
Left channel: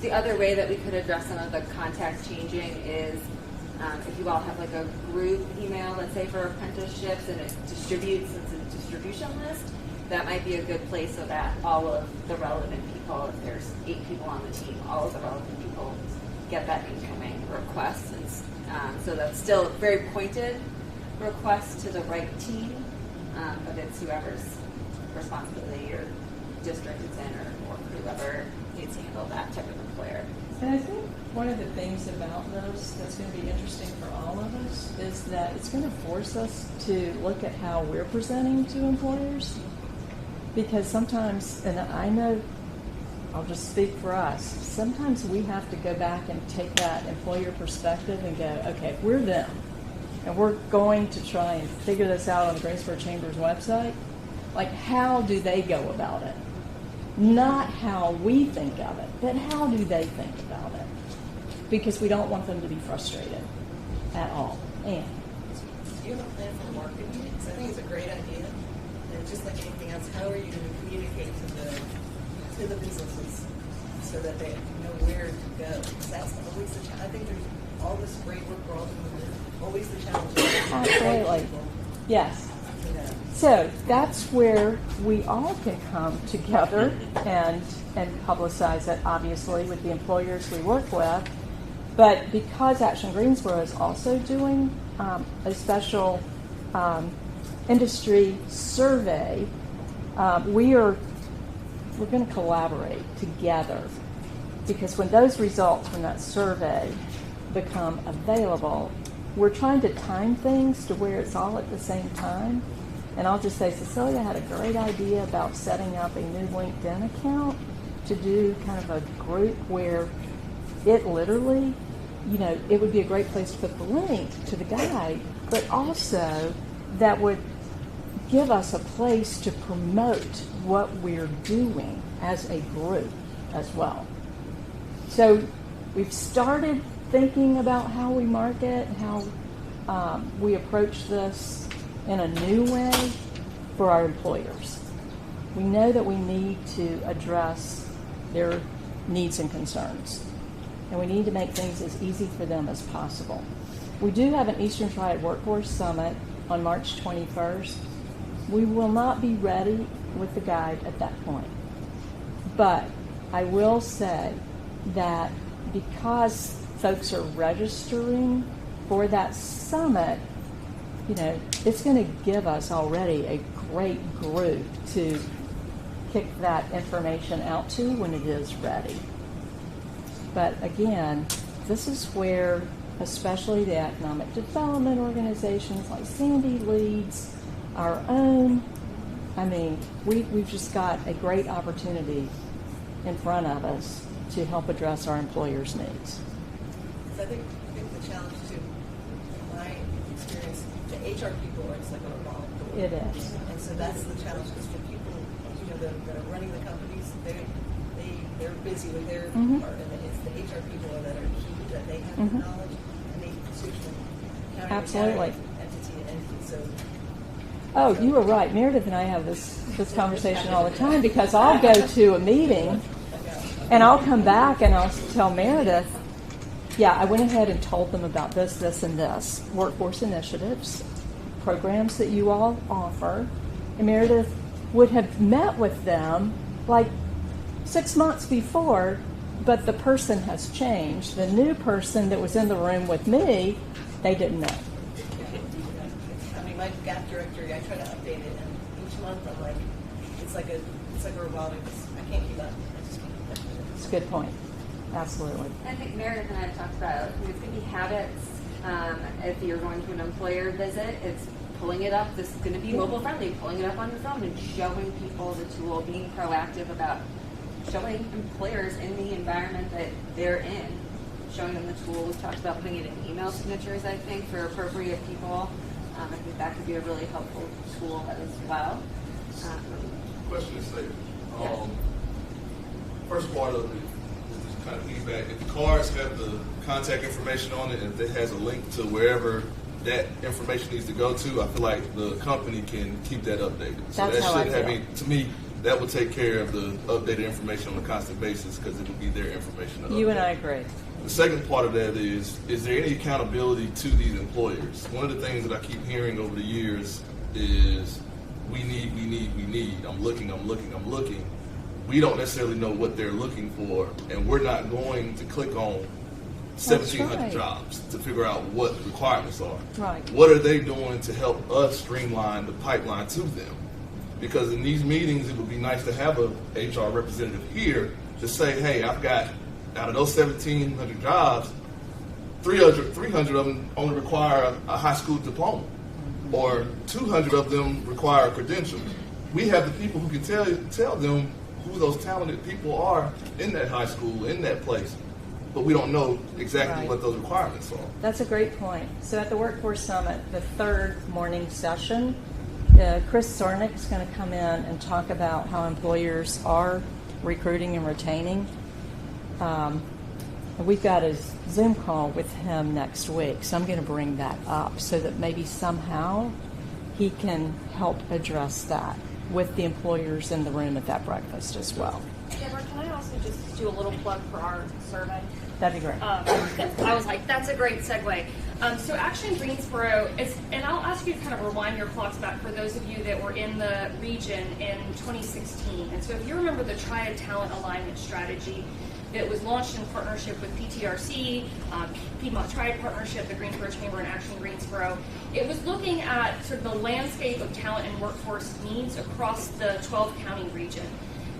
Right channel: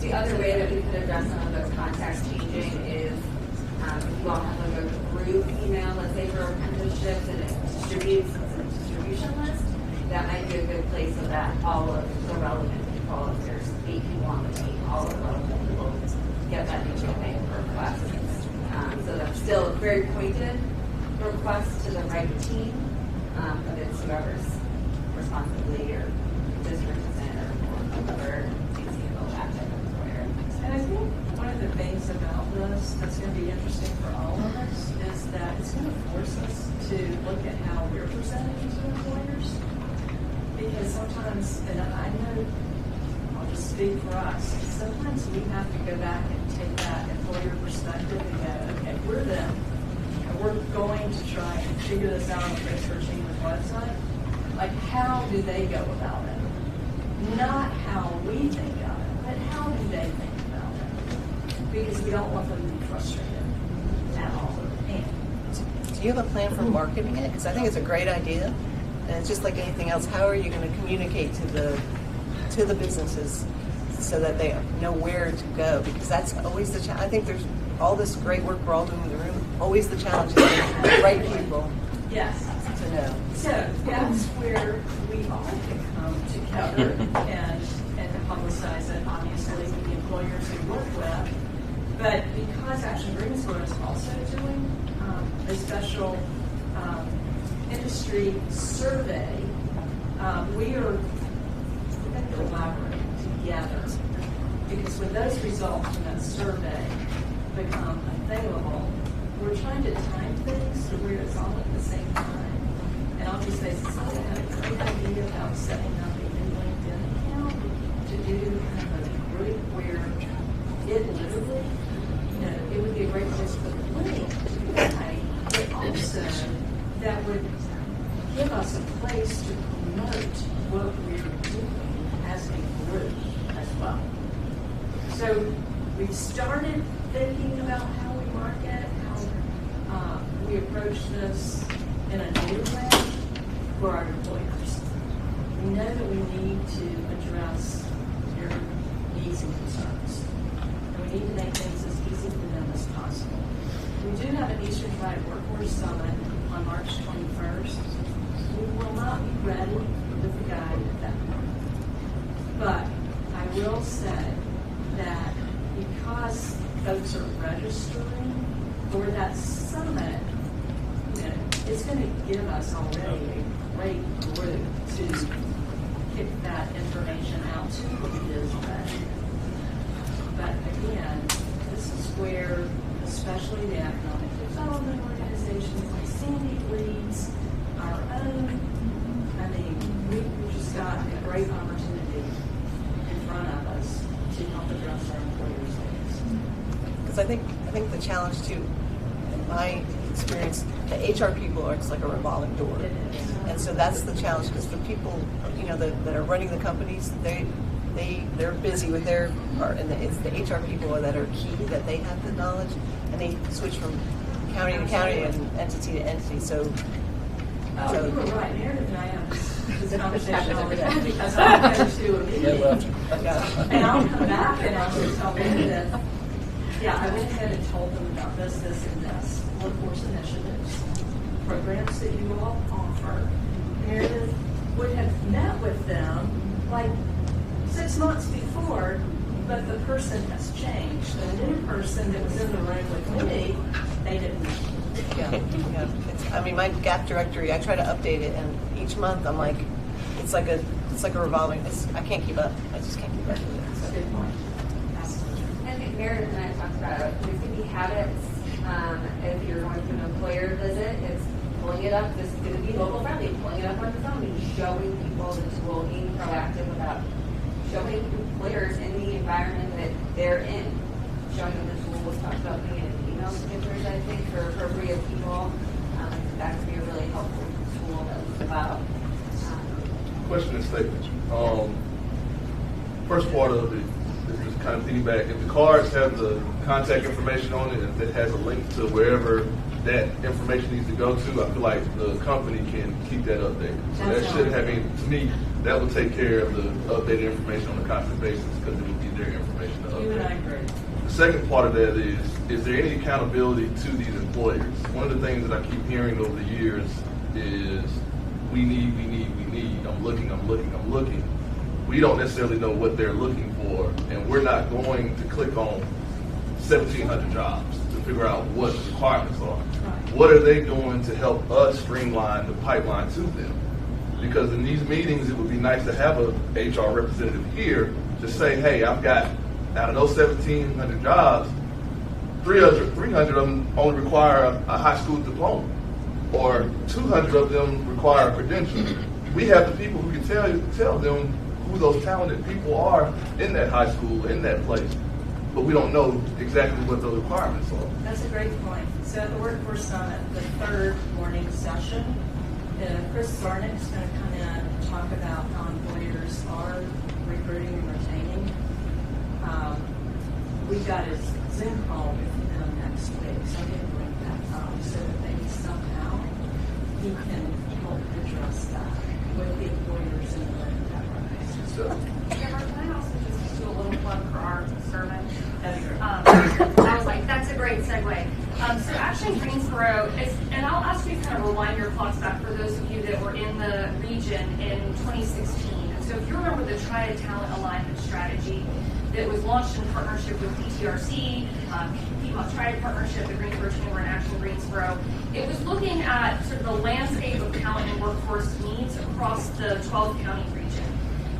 The other way that we could address some of the context changing is if you all have like a group email, let's say for apprenticeships, and it distributes in a distribution list, that might be a good place so that all of the relevant people, if there's 8 people on the team, all of the relevant people get that incoming request. So that's still a very pointed request to the right team, but it's whoever's responsibility or district is in or whoever needs to handle that type of employer. And I think one of the things about this that's going to be interesting for all of us is that it's going to force us to look at how we're presenting to employers. Because sometimes, and I know, I'll just speak for us, sometimes we have to go back and take that employer perspective and go, okay, we're them. And we're going to try and figure this out on Brainstorm Chamber's website. Like, how do they go about it? Not how we think of it, but how do they think about it? Because we don't want them to be frustrated at all. And Do you have a plan for marketing it? Because I think it's a great idea. And it's just like anything else, how are you going to communicate to the businesses so that they know where to go? Because that's always the challenge. I think there's all this great work we're all doing in the room. Always the challenge is the right people yes. to know. So that's where we all can come together and publicize it, obviously, with the employers we work with. But because Action Greensboro is also doing a special industry survey, we're going to collaborate together, because when those results from that survey become available, we're trying to time things to where it's all at the same time. And I'll just say, Cecilia had a great idea about setting up a new LinkedIn account to do kind of a group where it literally, you know, it would be a great place to put the link to the guide, but also that would give us a place to promote what we're doing as a group as well. So we've started thinking about how we market, how we approach this in a new way for our employers. We know that we need to address their needs and concerns, and we need to make things as easy for them as possible. We do have an Eastern Triad Workforce Summit on March 21st. We will not be ready with the guide at that point. But I will say that because folks are registering for that summit, you know, it's going to give us already a great group to kick that information out to when it is ready. But again, this is where especially the economic development organizations like Sandy leads, our own, I mean, we've just got a great opportunity in front of us to help address our employers' needs. Because I think the challenge too, in my experience, the HR people are just like a revolving door. It is. And so that's the challenge, because the people, you know, that are running the companies, they're busy with their part, and it's the HR people that are key, that they have the knowledge, and they switch from county to county and entity to entity. So. Oh, you were right. Meredith and I have this conversation all the time, because I'll go to a meeting and I'll come back and I'll just tell Meredith, yeah, I went ahead and told them about this, this, and this. Workforce initiatives, programs that you all offer. And Meredith would have met with them like 6 months before, but the person has changed. The new person that was in the room with me, they didn't know. Yeah. I mean, my gap directory, I try to update it, and each month I'm like, it's like a revolving. I can't keep up. I just can't keep up. That's a good point. Absolutely. I think Meredith and I talked about there's going to be habits If you're going to an employer visit, it's pulling it up. This is going to be mobile friendly, pulling it up on your phone and showing people the tool, being proactive about showing employers in the environment that they're in, showing them the tool. We talked about putting it in email signatures, I think, for appropriate people. I think that could be a really helpful tool as well. Question and statement. First part of it is just kind of piggyback. If the cards have the contact information on it, if it has a link to wherever that information needs to go to, I feel like the company can keep that updated. So That's that how I should have, feel. to me, that would take care of the updated information on a constant basis because it would be their information. to You and update. I agree. The second part of that is there any accountability to these employers? One of the things that I keep hearing over the years is we need. I'm looking. We don't necessarily know what they're looking for, and we're not going to click on 1,700 right. jobs to figure out what the requirements are. Right. What are they doing to help us streamline the pipeline to them? Because in these meetings, it would be nice to have a HR representative here to say, hey, I've got, out of those 1,700 jobs, 300 of them only require a high school diploma, or 200 of them require a credential. We have the people who can tell them who those talented people are in that high school, in that place, but we don't know exactly Right. what those requirements are. That's a great point. So at the Workforce Summit, the third morning session, Chris Zornick is going to come in and talk about how employers are recruiting and retaining. We've got a Zoom call with him next week, so I'm going to bring that up so that maybe somehow he can help address that with the employers in the room at that breakfast as well. Deborah, can I also just do a little plug for our survey? That'd be great. I was like, that's a great segue. So Action Greensboro, and I'll ask you to kind of rewind your clocks back for those of you that were in the region in 2016. And so if you remember the Triad Talent Alignment Strategy that was launched in partnership with PTRC, Piedmont Triad Partnership, the Greensboro Chamber, and Action Greensboro, it was looking at sort of the landscape of talent and workforce needs across the 12-county region.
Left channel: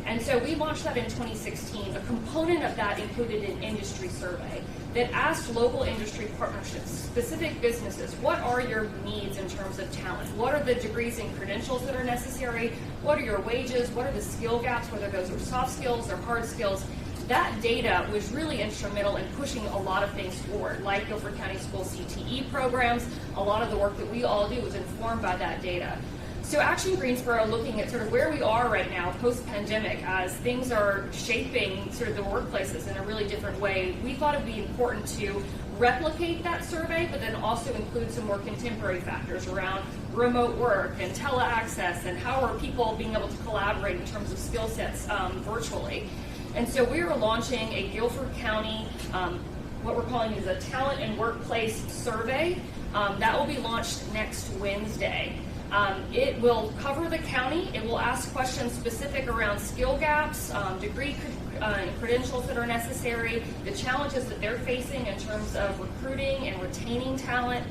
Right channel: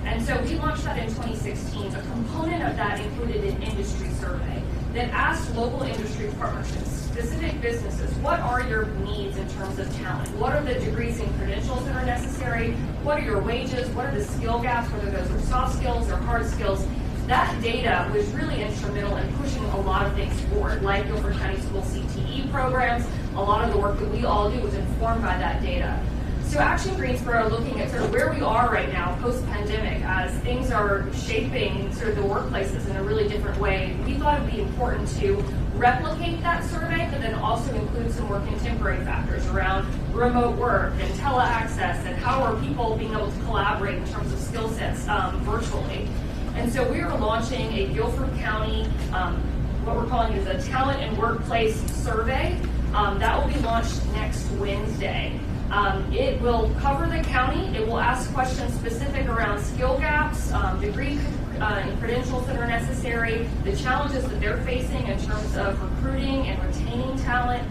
And so we launched that in 2016. A component of that included an industry survey that asked local industry partnerships, specific businesses, what are your needs in terms of talent? What are the degrees and credentials that are necessary? What are your wages? What are the skill gaps, whether those are soft skills or hard skills? That data was really instrumental in pushing a lot of things forward, like Guilford County School CTE programs. A lot of the work that we all do was informed by that data. So Action Greensboro, looking at sort of where we are right now post-pandemic as things are shaping sort of the workplaces in a really different way, we thought it would be important to replicate that survey, but then also include some more contemporary factors around remote work and teleaccess and how are people being able to collaborate in terms of skill sets virtually. And so we are launching a Guilford County, what we're calling is a talent and workplace survey. That will be launched next Wednesday. It will cover the county. It will ask questions specific around skill gaps, degree and credentials that are necessary, the challenges that they're facing in terms of recruiting and retaining talent.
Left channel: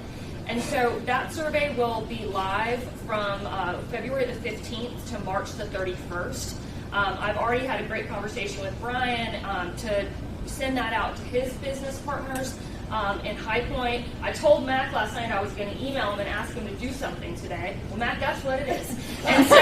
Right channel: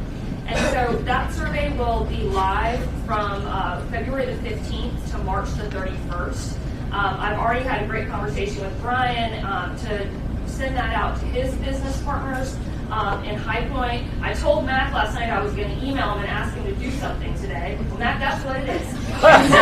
And so that survey will be live from February the 15th to March the 31st. I've already had a great conversation with Brian to send that out to his business partners in High Point. I told Mac last night I was going to email him and ask him to do something today. Well, Mac, that's what it is. And so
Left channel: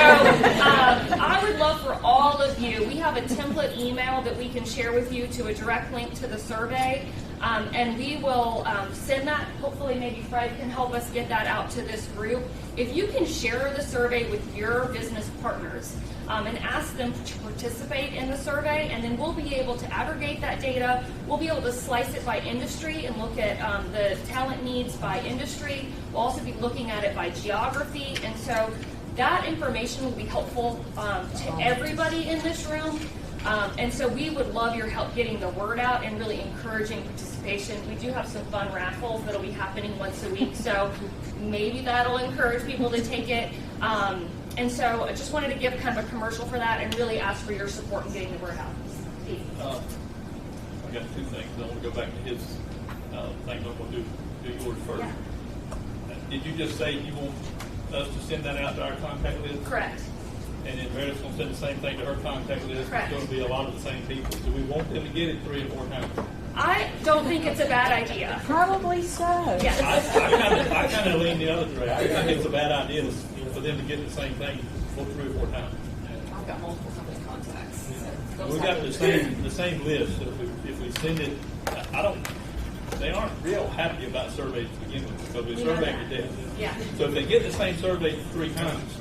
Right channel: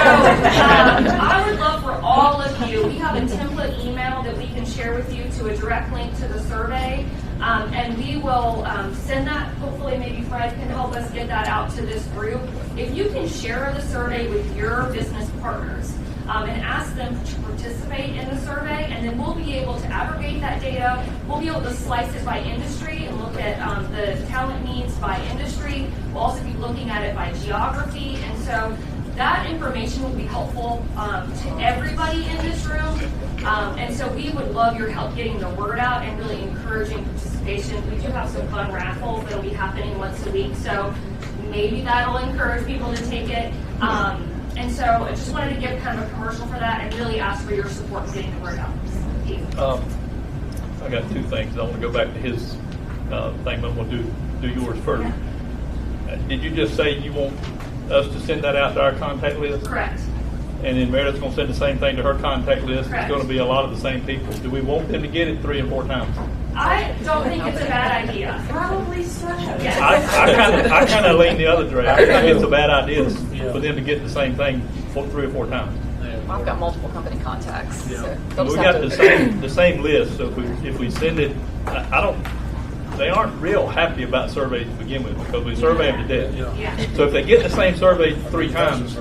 I would love for all of you, we have a template email that we can share with you to a direct link to the survey. And we will send that. Hopefully maybe Fred can help us get that out to this group. If you can share the survey with your business partners, and ask them to participate in the survey, and then we'll be able to aggregate that data. We'll be able to slice it by industry and look at the talent needs by industry. We'll also be looking at it by geography, and so that information will be helpful to everybody in this room. And so we would love your help getting the word out and really encouraging participation. We do have some fun raffles that'll be happening once a week, so maybe that'll encourage people to take it. And so I just wanted to give kind of a commercial for that and really ask for your support getting the word out. I got two things. I want to go back to his thing, but I'm going to do yours first. Did you just say you want us to send that out to our contact list? Correct. And then Meredith's going to send the same thing to her contact list. Correct. It's going to be a lot of the same people. Do we want them to get it 3 and 4 times? I don't think it's a bad idea. Probably so. Yes. I kind of lean the other direction. I think it's a bad idea for them to get the same thing 3 or 4 times. I've got multiple company contacts. Yeah. So they'll We just got have to- the same list, so if we send it, they aren't real happy about surveys to begin with, because we survey every day. Yeah. So if they get the same survey 3 times,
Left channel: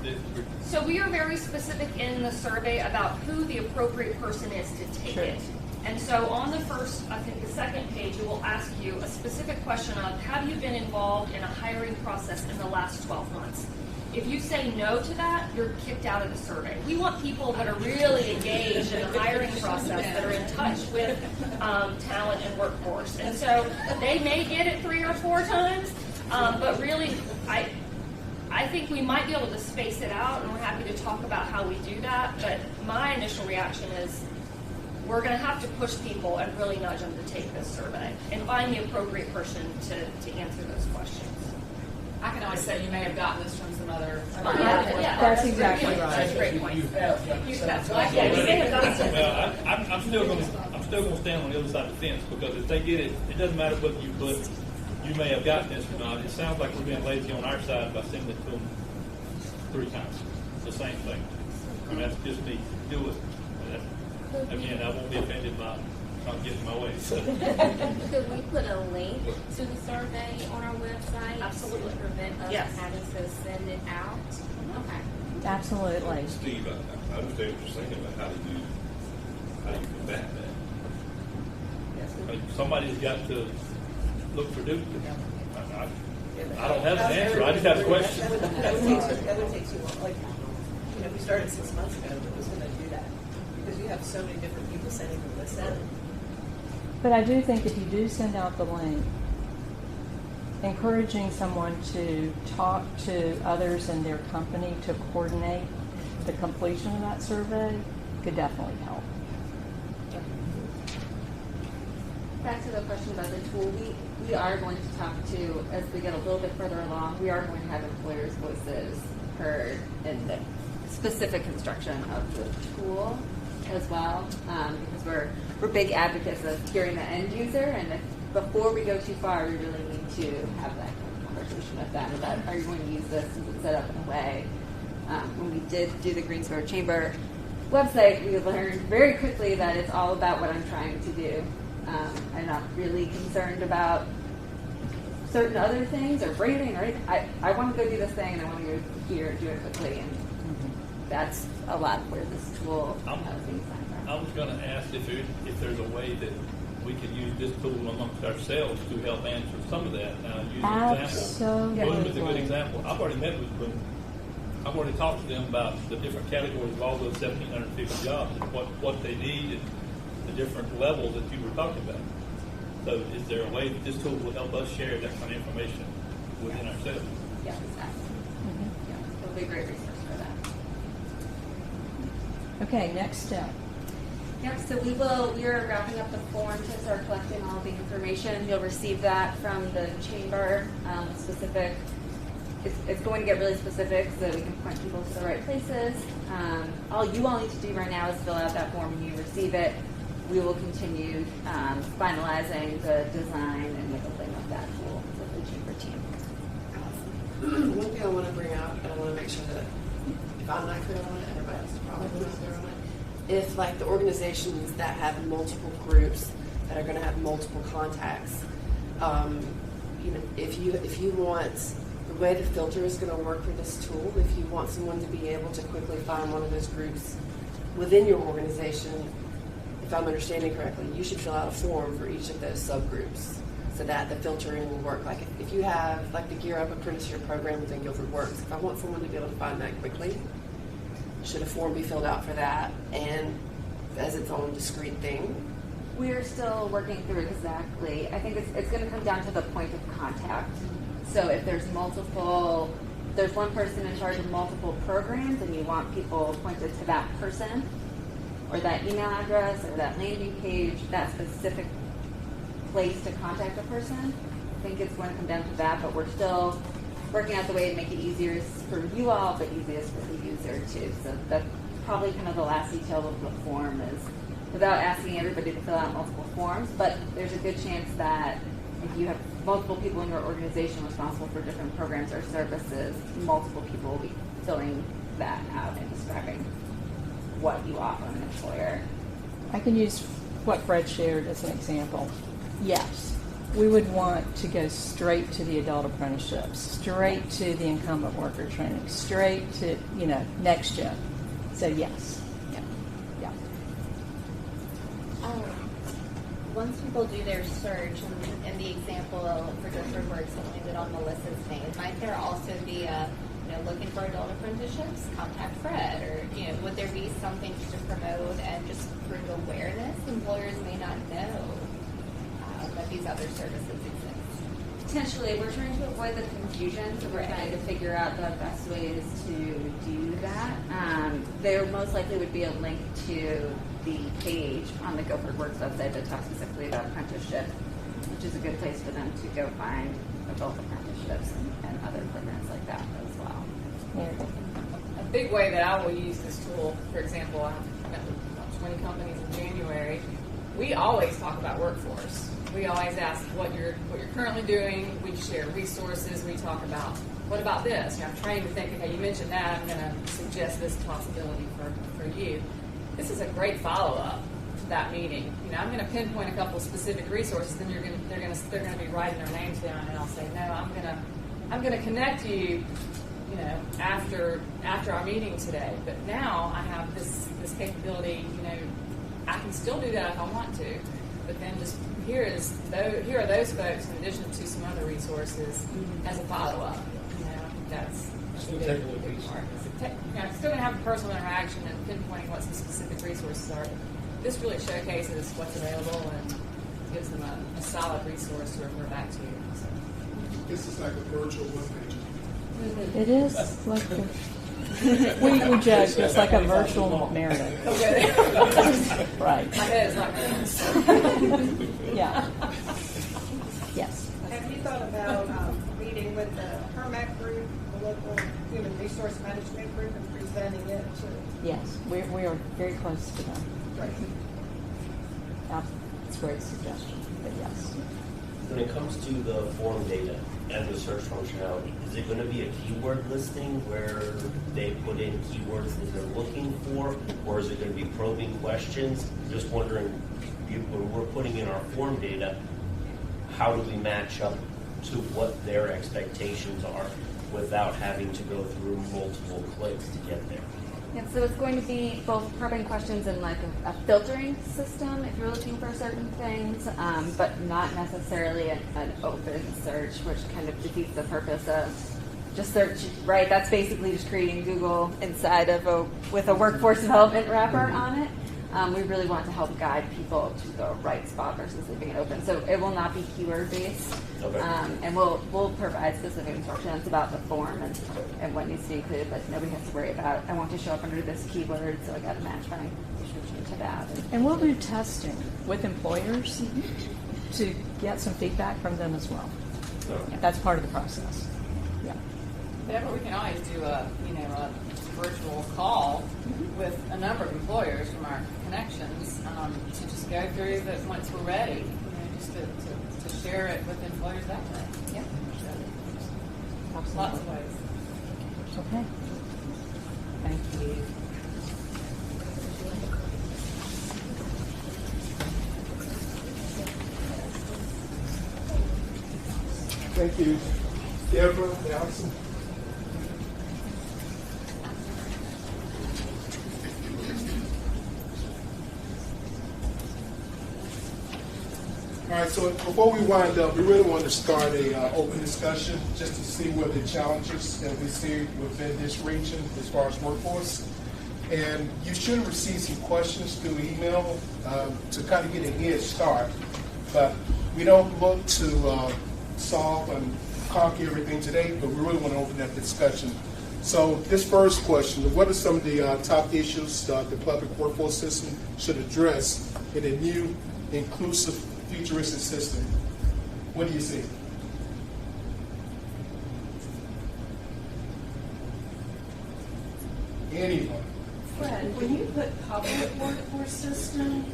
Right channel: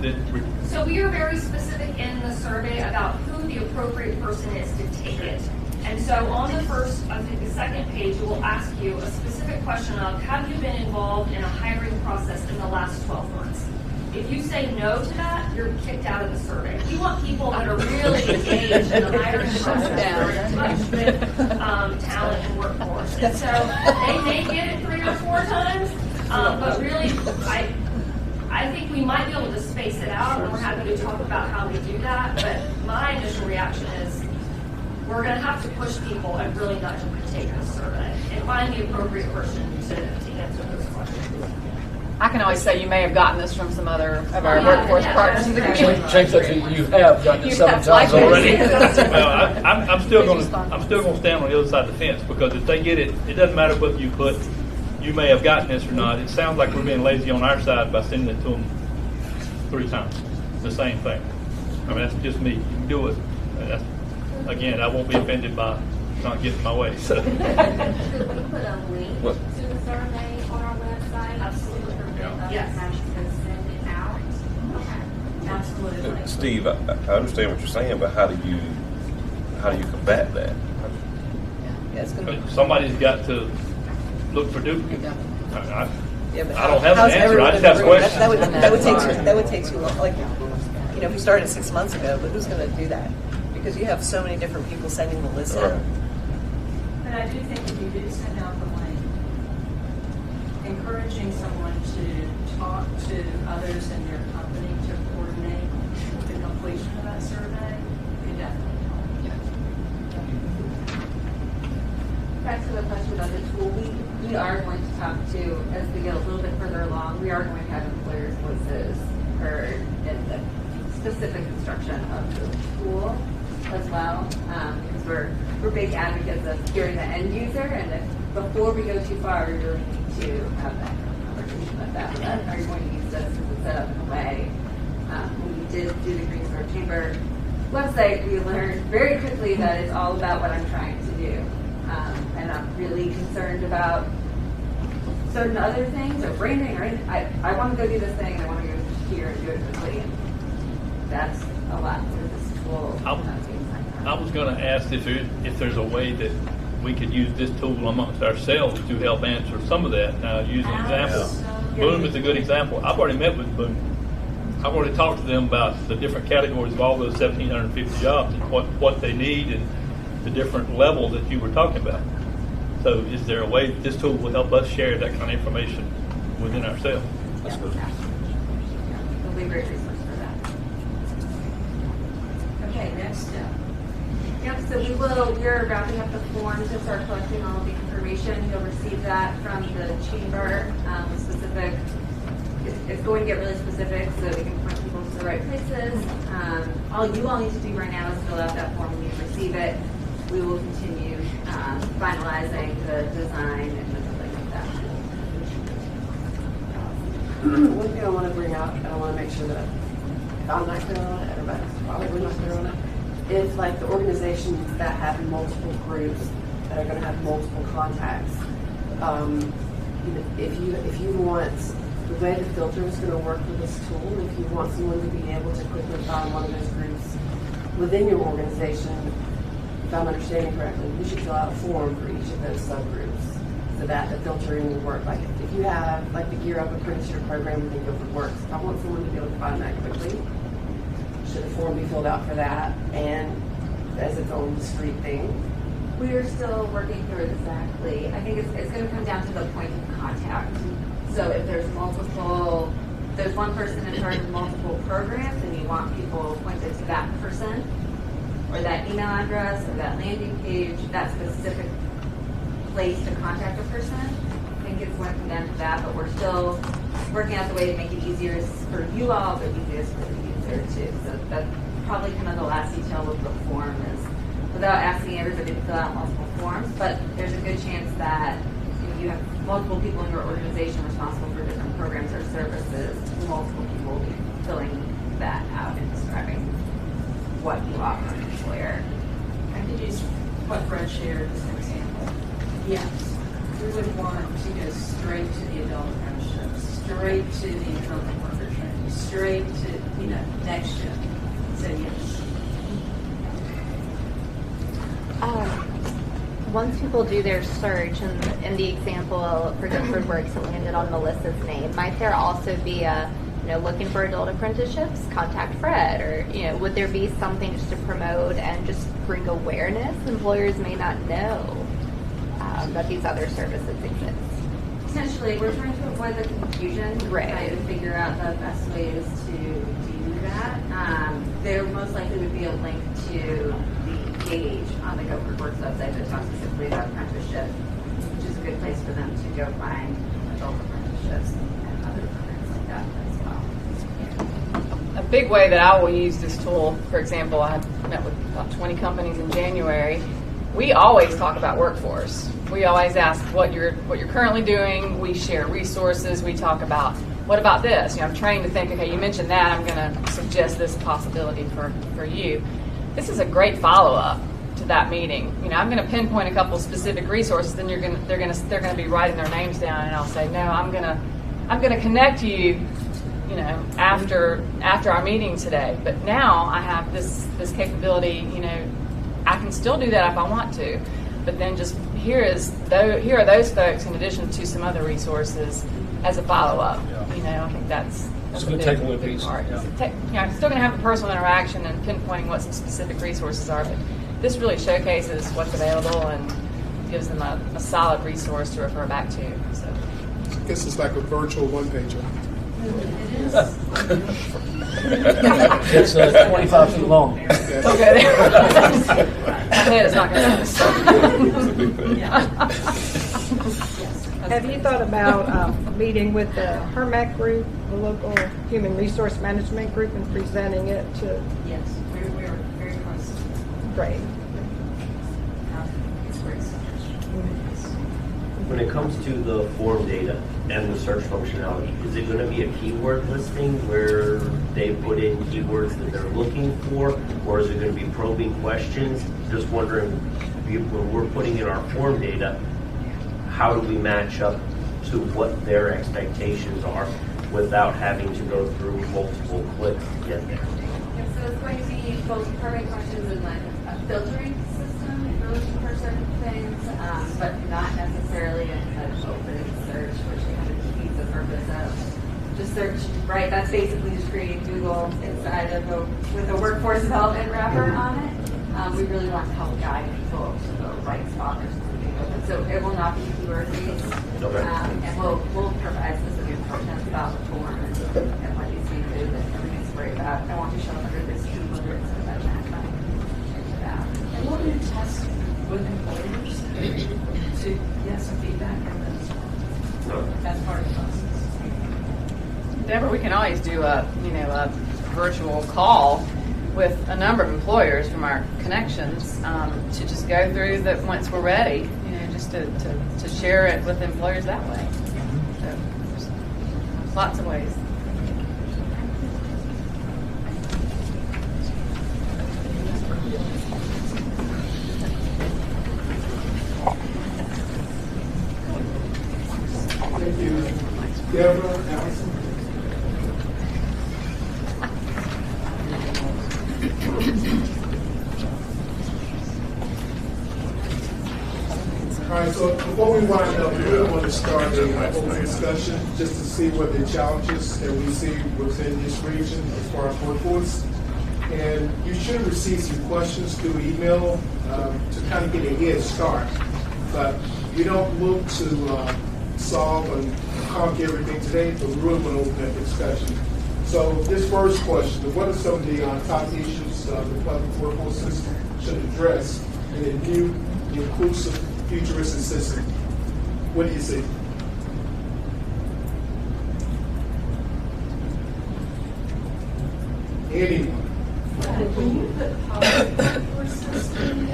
then So we are very specific in the survey about who the appropriate person is to take it. And so on the first, I think the second page, it will ask you a specific question of, have you been involved in a hiring process in the last 12 months? If you say no to that, you're kicked out of the survey. We want people that are really engaged in the hiring process, that are in touch with talent and workforce. And so they may get it 3 or 4 times, but really, I think we might be able to space it out, and we're happy to talk about how we do that. But my initial reaction is we're going to have to push people and really nudge them to take this survey and find the appropriate person to answer those questions. I can always say you may have gotten this from some other of our Yeah, workforce yeah, partners. Change that you have gotten it 7 That's times likely. already. well, I'm still going to stand on the other side of the fence, because if they get it, it doesn't matter whether you put you may have gotten this or not. It sounds like we're being lazy on our side by sending it to them 3 times. The same thing. I mean, that's just me. You can do it. Again, I won't be offended by not getting my way. So. Could we put a link to the survey on our website? Absolutely. To prevent us Yes. having to send it out? Okay. Absolutely. Steve, I understand what you're saying, but how do you combat that? Somebody's got to look for duplicates. I don't have How's an answer. I just have everyone- questions. That would take too long. Like, you know, we started 6 months ago, but who's going to do that? Because you have so many different people sending the list in. But I do think if you do send out the link, encouraging someone to talk to others in your company to coordinate the completion of that survey could definitely help. Back to the question of the tool, we are going to talk to, as we get a little bit further along, we are going to have employers' voices heard in the specific construction of the tool as well, because we're big advocates of hearing the end user, and before we go too far, we really need to have that kind of conversation with them about, are you going to use this? Is it set up in a way? When we did do the Greensboro Chamber website, we learned very quickly that it's all about what I'm trying to do. And I'm really concerned about certain other things or branding or anything. I want to go do this thing and I want to go here and do it quickly. And that's a lot for this tool. I was going to ask if there's a way that we could use this tool amongst ourselves to help answer some of that. Now, use an example. Absolutely. Boone is a good example. I've already met with Boone. I've already talked to them about the different categories of all those 1,750 jobs and what they need and the different levels that you were talking about. So is there a way that this tool will help us share that kind of information within ourselves? Yeah. It'll be a great resource for that. Okay, next step. Yep, so we are wrapping up the form to start collecting all of the information. You'll receive that from the chamber, specific. It's going to get really specific so that we can point people to the right places. All you all need to do right now is fill out that form when you receive it. We will continue finalizing the design and the building of that tool. One thing I want to bring up, and I want to make sure that if I'm not clear on it, everybody's probably not clear on it, is like the organizations that have multiple groups that are going to have multiple contacts. If you want, the way the filter is going to work for this tool, if you want someone to be able to quickly find one of those groups within your organization, if I'm understanding correctly, you should fill out a form for each of those subgroups so that the filtering will work. Like if you have like the Gear Up apprenticeship program within GuilfordWorks, if I want someone to be able to find that quickly, should a form be filled out for that and as its own discrete thing? We are still working through exactly. I think it's going to come down to the point of contact. So if there's one person in charge of multiple programs and you want people pointed to that person or that email address or that landing page, that specific place to contact a person, I think it's going to come down to that, but we're still working out the way to make it easier for you all, but easiest for the user too. So that's probably kind of the last detail of the form is without asking everybody to fill out multiple forms, but there's a good chance that if you have multiple people in your organization responsible for different programs or services, multiple people will be filling that out and describing what you offer an employer. I can use what Fred shared as an example. Yes, we would want to go straight to the adult apprenticeships, straight to the incumbent worker training, straight to, next gen. So yes. Once people do their search, and in the example for GuilfordWorks, it landed on Melissa's name, might there also be a, looking for adult apprenticeships, contact Fred, or, would there be something just to promote and just bring awareness? Employers may not know that these other services exist. Potentially, we're trying to avoid the confusion, Right. Trying to figure out the best ways to do that. There most likely would be a link to the page on the GuilfordWorks website that talks specifically about apprenticeship, which is a good place for them to go find adult apprenticeships and other programs like that as well. A big way that I will use this tool, for example, I met with about 20 companies in January. We always talk about workforce. We always ask what you're currently doing. We share resources. We talk about, what about this? I'm trained to think, okay, you mentioned that, I'm going to suggest this possibility for you. This is a great follow-up to that meeting. I'm going to pinpoint a couple specific resources, then they're going to be writing their names down, and I'll say, no, I'm going to connect you, after our meeting today. But now I have this capability, I can still do that if I want to, but then just here are those folks in addition to some other resources as a follow-up. I think that's It's a a good big, takeaway big piece. part. Yeah. I'm still going to have a personal interaction and pinpointing what some specific resources are, but this really showcases what's available and gives them a solid resource to refer back to. So. I guess it's like a virtual one-pager. It is. It's 25 feet long. Okay. My head is not going to Yeah. Yes. Have you thought about meeting with the HERMAC group, the local human resource management group, and presenting it to? Yes, we are very close to that. Great. It's a great suggestion. Yes. When it comes to the form data and the search functionality, is it going to be a keyword listing where they put in keywords that they're looking for, or is it going to be probing questions? Just wondering, when we're putting in our form data, how do we match up to what their expectations are without having to go through multiple clicks to get there? Yep, so it's going to be both probing questions and like a filtering system if you're looking for certain things, but not necessarily an open search, which kind of defeats the purpose of just search, right? That's basically just creating Google inside of with a workforce development wrapper on it. We really want to help guide people to the right spot versus it being open. So it will not be keyword based, and we'll provide specific instructions about the form and what needs to be included. But everything's worried about. I want to show up under this keyword so that match up to that. And we'll do testing with employers to get some feedback from them as well. That's part of the process. Deborah, we can always do a virtual call with a number of employers from our connections to just go through that once we're ready, just to share it with employers that way. So there's lots of ways. Thank you. Deborah, Allison. All right, so before we wind up, we really want to start a open discussion just to see what the challenges that we see within this region as far as workforce. And you should have received some questions through email to kind of get a head start. But we don't look to solve and conquer everything today, but we really want to open that discussion. So this first question, what are some of the top issues the public workforce system should address in a new, inclusive, futuristic system? What do you see? Anyone? When you put public workforce system,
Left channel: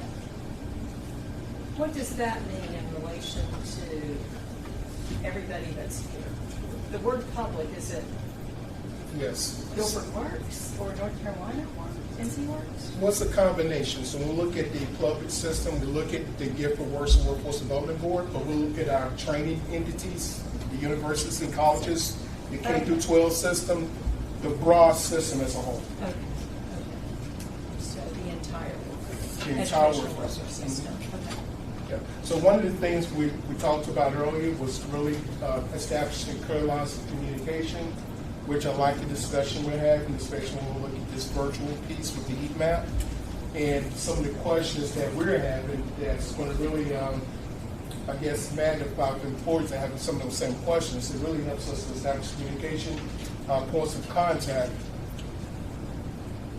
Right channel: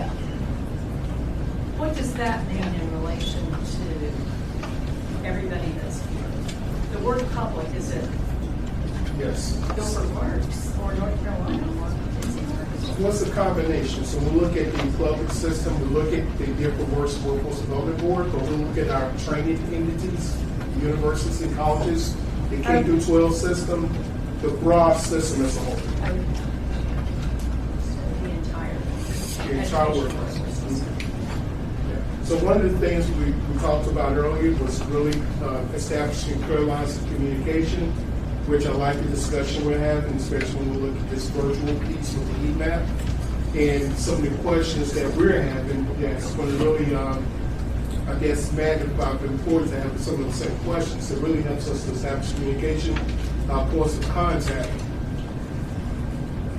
the word public, is it Yes. GuilfordWorks or North Carolina or NC Works? Well, it's a combination. So we look at the public system, we look at the GuilfordWorks Workforce Development Board, but we look at our training entities, the universities and colleges, the K through 12 system, the broad system as a whole. So the entire Workforce system. So one of the things we talked about earlier was really establishing clear lines of communication, which I like the discussion we're having, especially when we look at this virtual piece with the heat map. And some of the questions that we're having that's going to really, I guess, magnify the employees that have some of the same questions. It really helps us to establish communication, points of contact.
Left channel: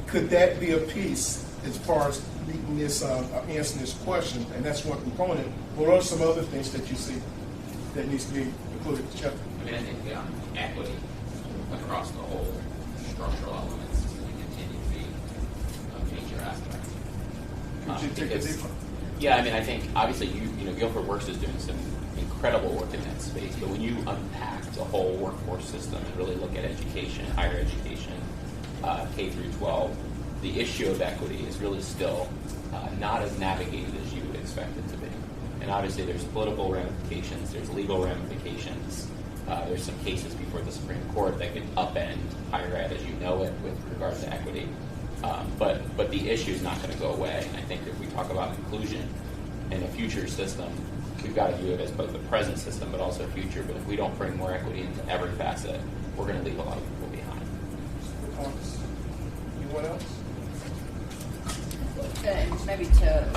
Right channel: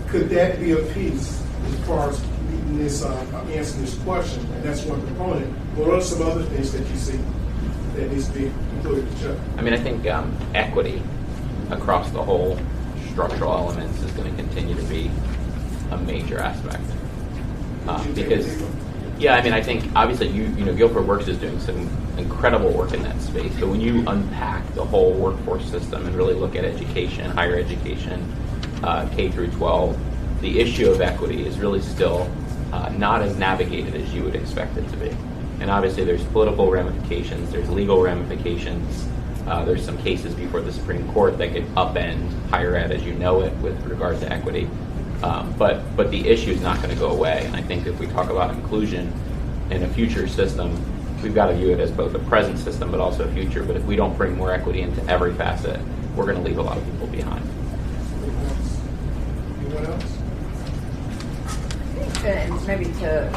Could that be a piece as far as meeting this, answering this question? And that's one component. What are some other things that you see that needs to be included in the check? I mean, I think equity across the whole structural elements is going to continue to be a major aspect. Because, yeah, I mean, I think obviously you know GuilfordWorks is doing some incredible work in that space. But when you unpack the whole workforce system and really look at education, higher education, K through 12, the issue of equity is really still not as navigated as you would expect it to be. And obviously there's political ramifications, there's legal ramifications, there's some cases before the Supreme Court that could upend higher ed as you know it with regard to equity. But the issue is not going to go away. And I think if we talk about inclusion in a future system, we've got to view it as both a present system but also a future. But if we don't bring more equity into every facet, we're going to leave a lot of people behind. Anyone else? And maybe to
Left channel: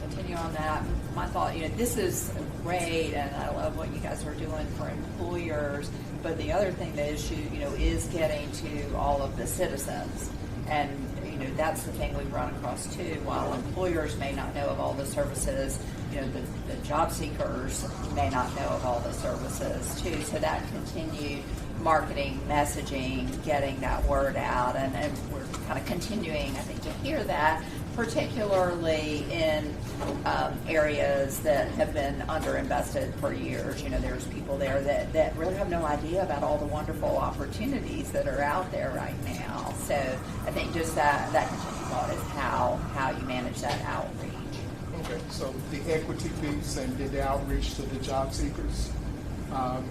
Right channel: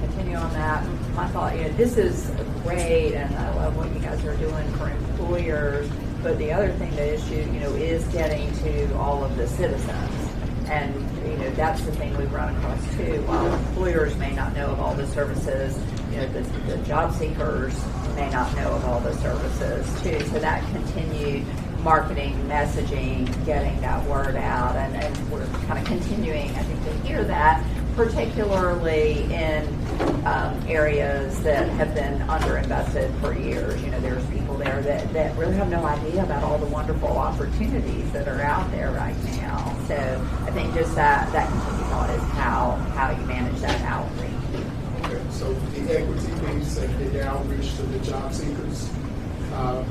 continue on that, my thought, this is great, and I love what you guys are doing for employers. But the other thing, the issue, is getting to all of the citizens, and that's the thing we run across too. While employers may not know of all the services, the job seekers may not know of all the services too. So that continued marketing, messaging, getting that word out, and we're kind of continuing, I think, to hear that, particularly in areas that have been underinvested for years. There's people there that really have no idea about all the wonderful opportunities that are out there right now. So I think just that continued thought is how you manage that outreach. Okay, so the equity piece and the outreach to the job seekers are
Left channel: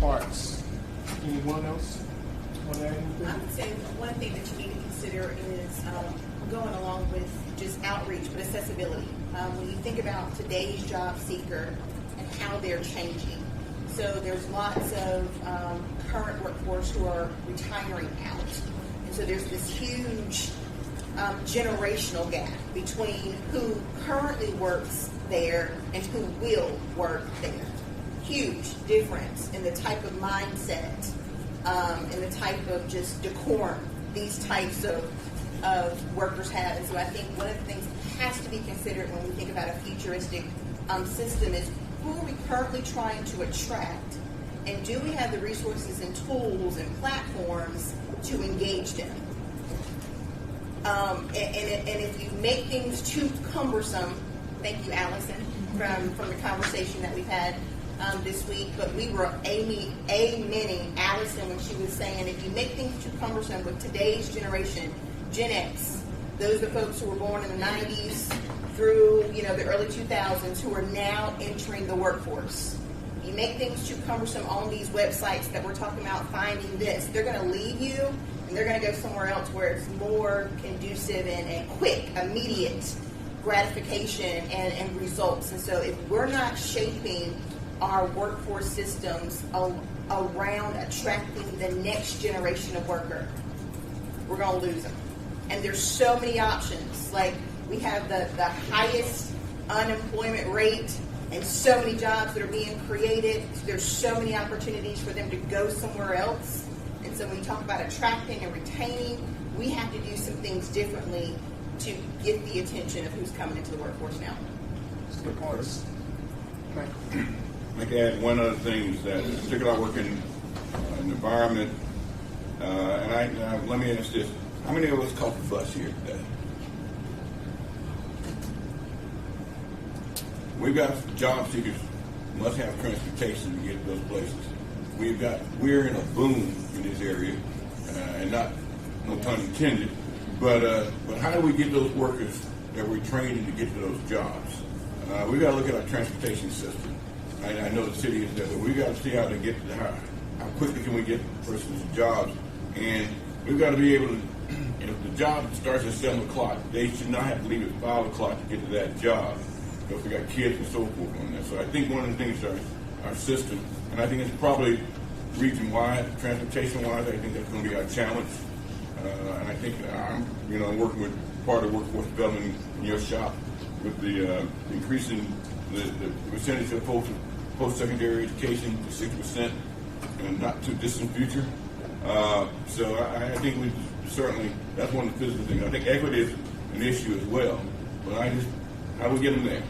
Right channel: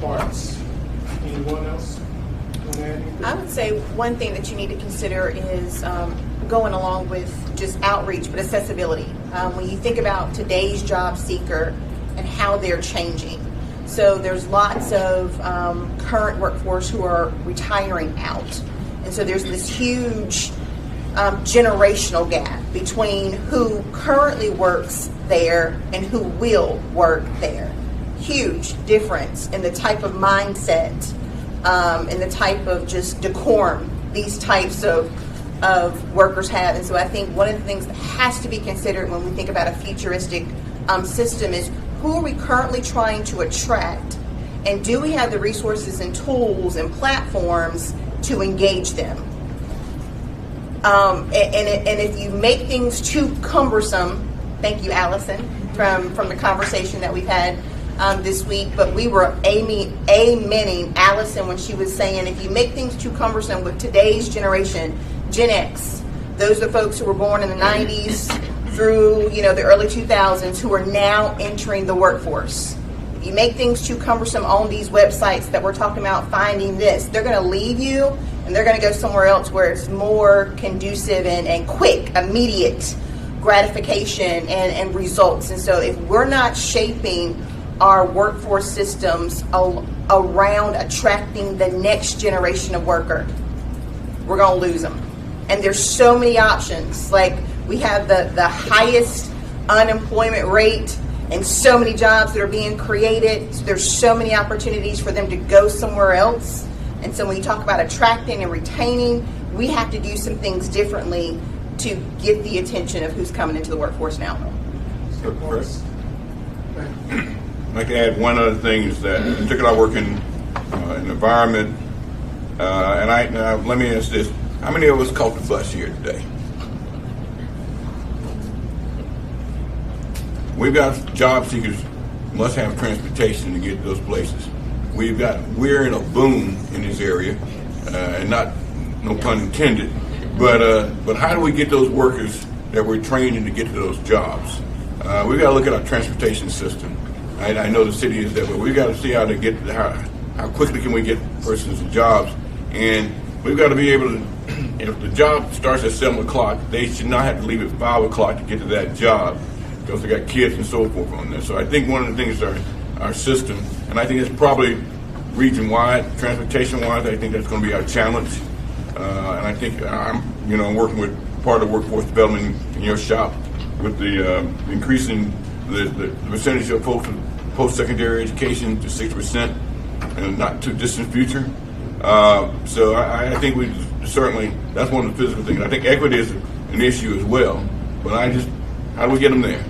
parts. Anyone else want to add anything? I would say one thing that you need to consider is going along with just outreach, but accessibility. When you think about today's job seeker and how they're changing. So there's lots of current workforce who are retiring out. And so there's this huge generational gap between who currently works there and who will work there. Huge difference in the type of mindset, and the type of just decorum these types of workers have. And so I think one of the things that has to be considered when we think about a futuristic system is who are we currently trying to attract, and do we have the resources and tools and platforms to engage them? And if you make things too cumbersome, thank you, Allison, from the conversation that we've had this week, but we were amening Allison when she was saying if you make things too cumbersome with today's generation, Gen X, those are folks who were born in the 90s through the early 2000s who are now entering the workforce. If you make things too cumbersome on these websites that we're talking about, finding this, they're going to leave you and they're going to go somewhere else where it's more conducive and quick, immediate gratification and results. And so if we're not shaping our workforce systems around attracting the next generation of worker, we're going to lose them. And there's so many options. Like we have the highest unemployment rate and so many jobs that are being created. So there's so many opportunities for them to go somewhere else. And so when you talk about attracting and retaining, we have to do some things differently to get the attention of who's coming into the workforce now. Of course. I can add one other thing is that, particularly I work in an environment, and let me ask this: how many of us caught the bus here today? We've got job seekers must have transportation to get to those places. we're in a boom in this area, and no pun intended, but how do we get those workers that we're training to get to those jobs? We've got to look at our transportation system. I know the city is that way. We've got to see how quickly can we get persons jobs, and we've got to be able to, if the job starts at 7 o'clock, they should not have to leave at 5 o'clock to get to that job because they got kids and so forth on there. So I think one of the things is our system, and I think it's probably region-wide, transportation-wise, I think that's going to be our challenge. And I think I'm working with part of workforce development in your shop with the increasing the percentage of folks with post-secondary education to 6% in a not too distant future. So I think we certainly, that's one of the physical things. I think equity is an issue as well, but how do we get them there?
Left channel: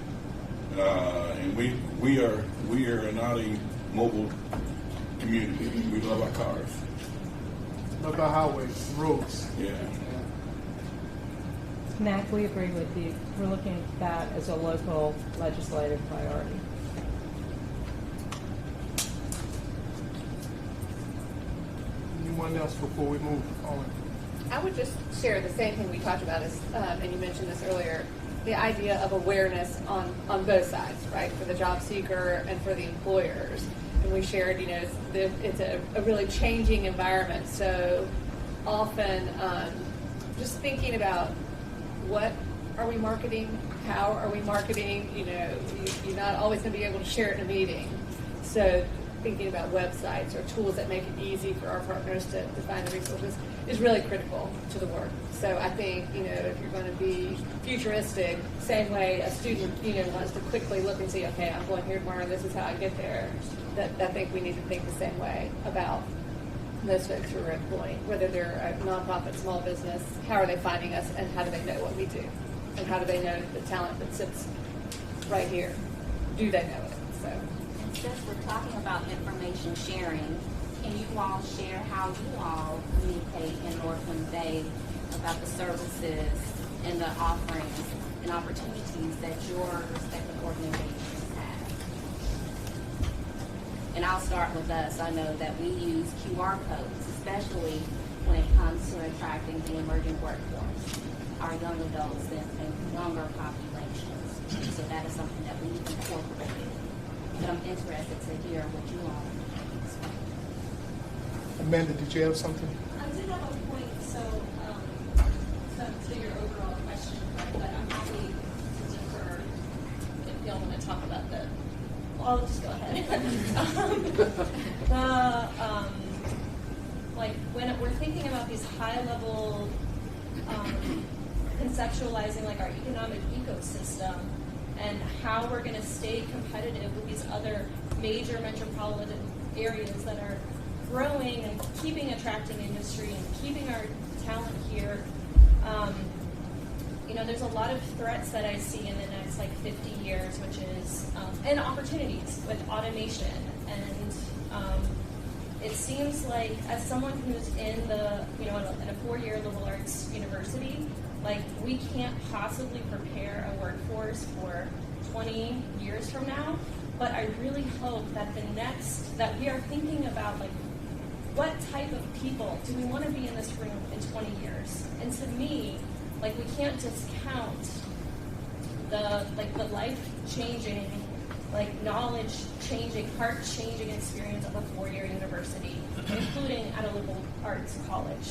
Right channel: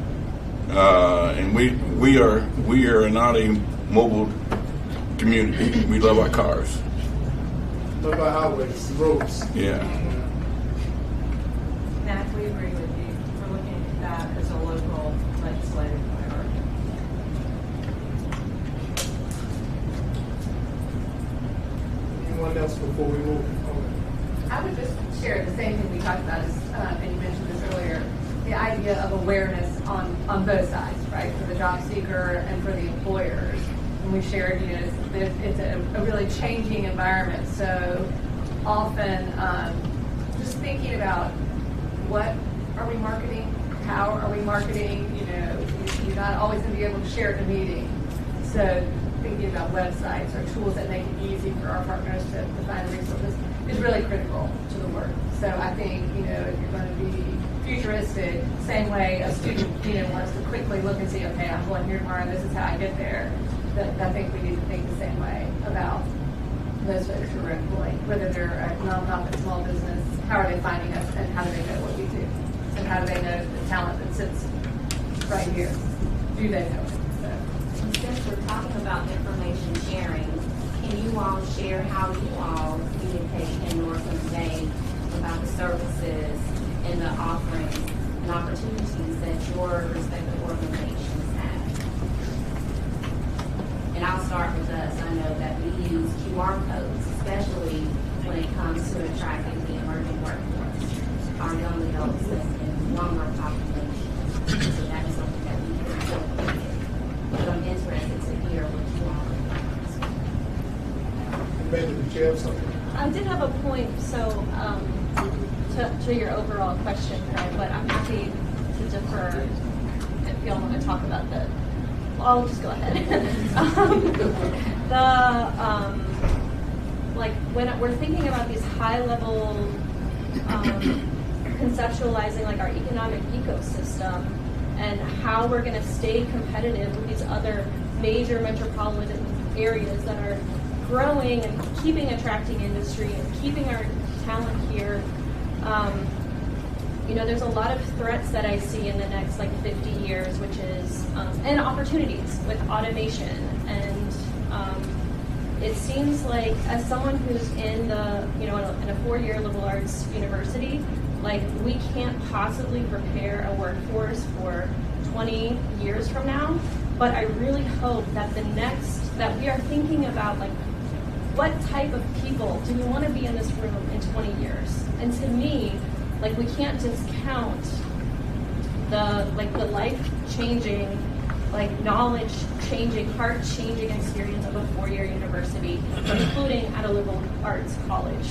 And we are not a mobile community. We love our cars. What about highways, roads? Yeah. Mac, we agree with you. We're looking at that as a local legislative priority. Anyone else before we move on? I would just share the same thing we talked about, and you mentioned this earlier, the idea of awareness on both sides, right, for the job seeker and for the employers. And we shared, it's a really changing environment. So often, just thinking about what are we marketing, how are we marketing, you're not always going to be able to share it in a meeting. So thinking about websites or tools that make it easy for our partners to find the resources is really critical to the work. So I think, if you're going to be futuristic, same way a student, wants to quickly look and see, okay, I'm going here tomorrow, this is how I get there. That I think we need to think the same way about those folks who are employing, whether they're a nonprofit, small business, how are they finding us and how do they know what we do? And how do they know the talent that sits right here? Do they know it? So. Since we're talking about information sharing, can you all share how you all communicate and or convey about the services and the offerings and opportunities that your respective organizations have? And I'll start with us. I know that we use QR codes, especially when it comes to attracting the emerging workforce, our young adults and younger population. So that is something that we can incorporate. But I'm interested to hear what you all are. Amanda, did you have something? I did have a point, so to your overall question, but I'm happy to defer if y'all want to talk about the. I'll just go ahead. When we're thinking about these high level conceptualizing like our economic ecosystem and how we're going to stay competitive with these other major metropolitan areas that are growing and keeping attracting industry and keeping our talent here. There's a lot of threats that I see in the next 50 years, which is, and opportunities with automation. And it seems like as someone who's in in a 4-year liberal arts university, we can't possibly prepare a workforce for 20 years from now. But I really hope that that we are thinking about what type of people do we want to be in this room in 20 years? And to me, we can't discount the life-changing, knowledge-changing, heart-changing experience of a 4-year university, including at a liberal arts college.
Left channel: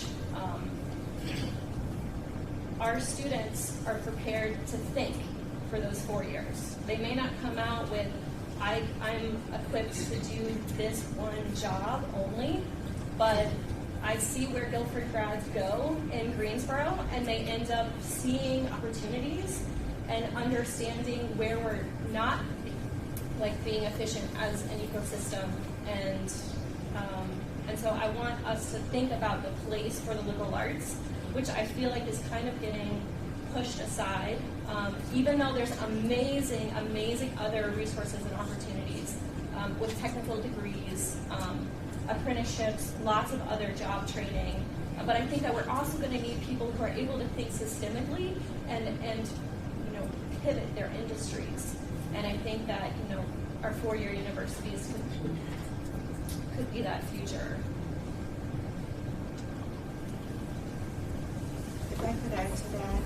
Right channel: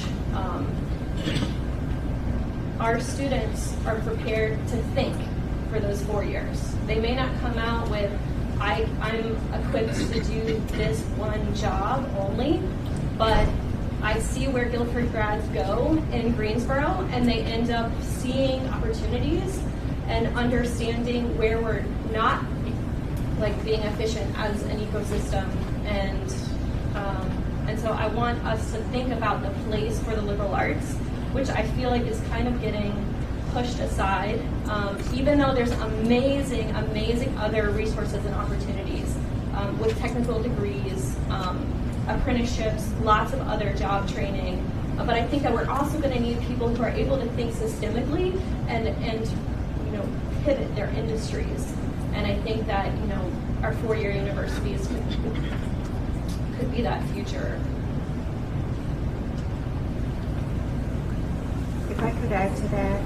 Our students are prepared to think for those 4 years. They may not come out with, I'm equipped to do this one job only, but I see where Guilford grads go in Greensboro, and they end up seeing opportunities and understanding where we're not being efficient as an ecosystem, and so I want us to think about the place for the liberal arts, which I feel is kind of getting pushed aside, even though there's amazing other resources and opportunities with technical degrees, apprenticeships, lots of other job training. But I think that we're also going to need people who are able to think systemically and pivot their industries. And I think that our 4-year universities could be that future. If I could add to that,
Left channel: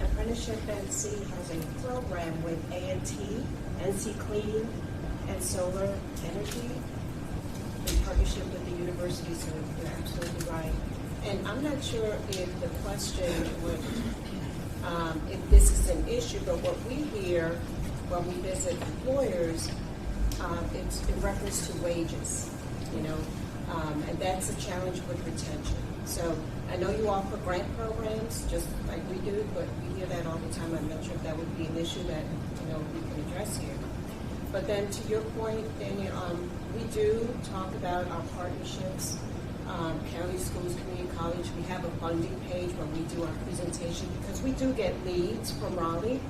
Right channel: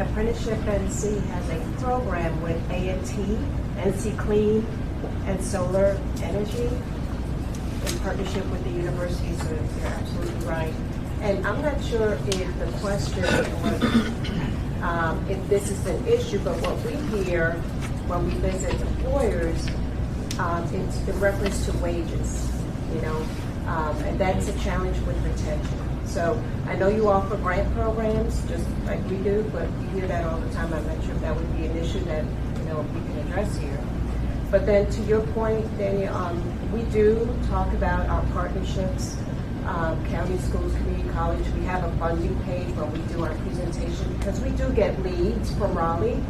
Apprenticeship NC has a program with A&T, NC Clean, and Solar Energy in partnership with the university, so you're absolutely right. And I'm not sure if the question, or if this is an issue, but what we hear when we visit employers, it's in reference to wages, and that's a challenge with retention. So I know you offer grant programs, just like we do, but you hear that all the time. I'm not sure if that would be an issue that, we can address here. But then to your point, Daniel, we do talk about our partnerships, county schools, community college. We have a funding page where we do our presentation because we do get leads from Raleigh,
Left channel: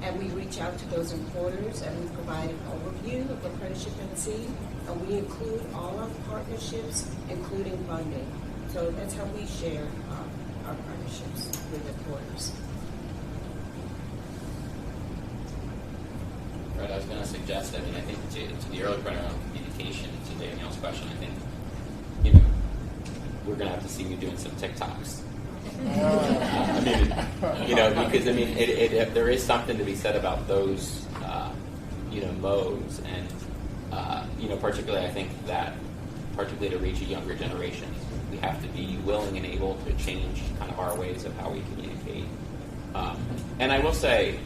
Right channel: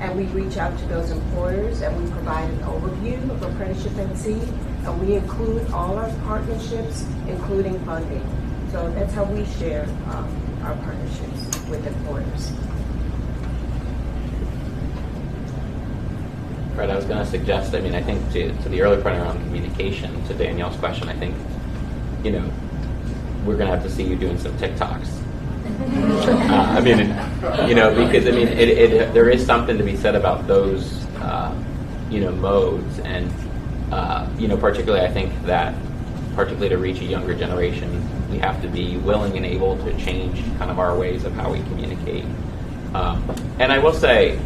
and we reach out to those employers and we provide an overview of Apprenticeship NC, and we include all our partnerships, including funding. So that's how we share our partnerships with employers. Fred, I was going to suggest, I think to the earlier point around communication, to Danielle's question, I think, we're going to have to see you doing some TikToks. Because there is something to be said about those, modes, and particularly I think that, particularly to reach a younger generation, we have to be willing and able to change kind of our ways of how we communicate. And I will say,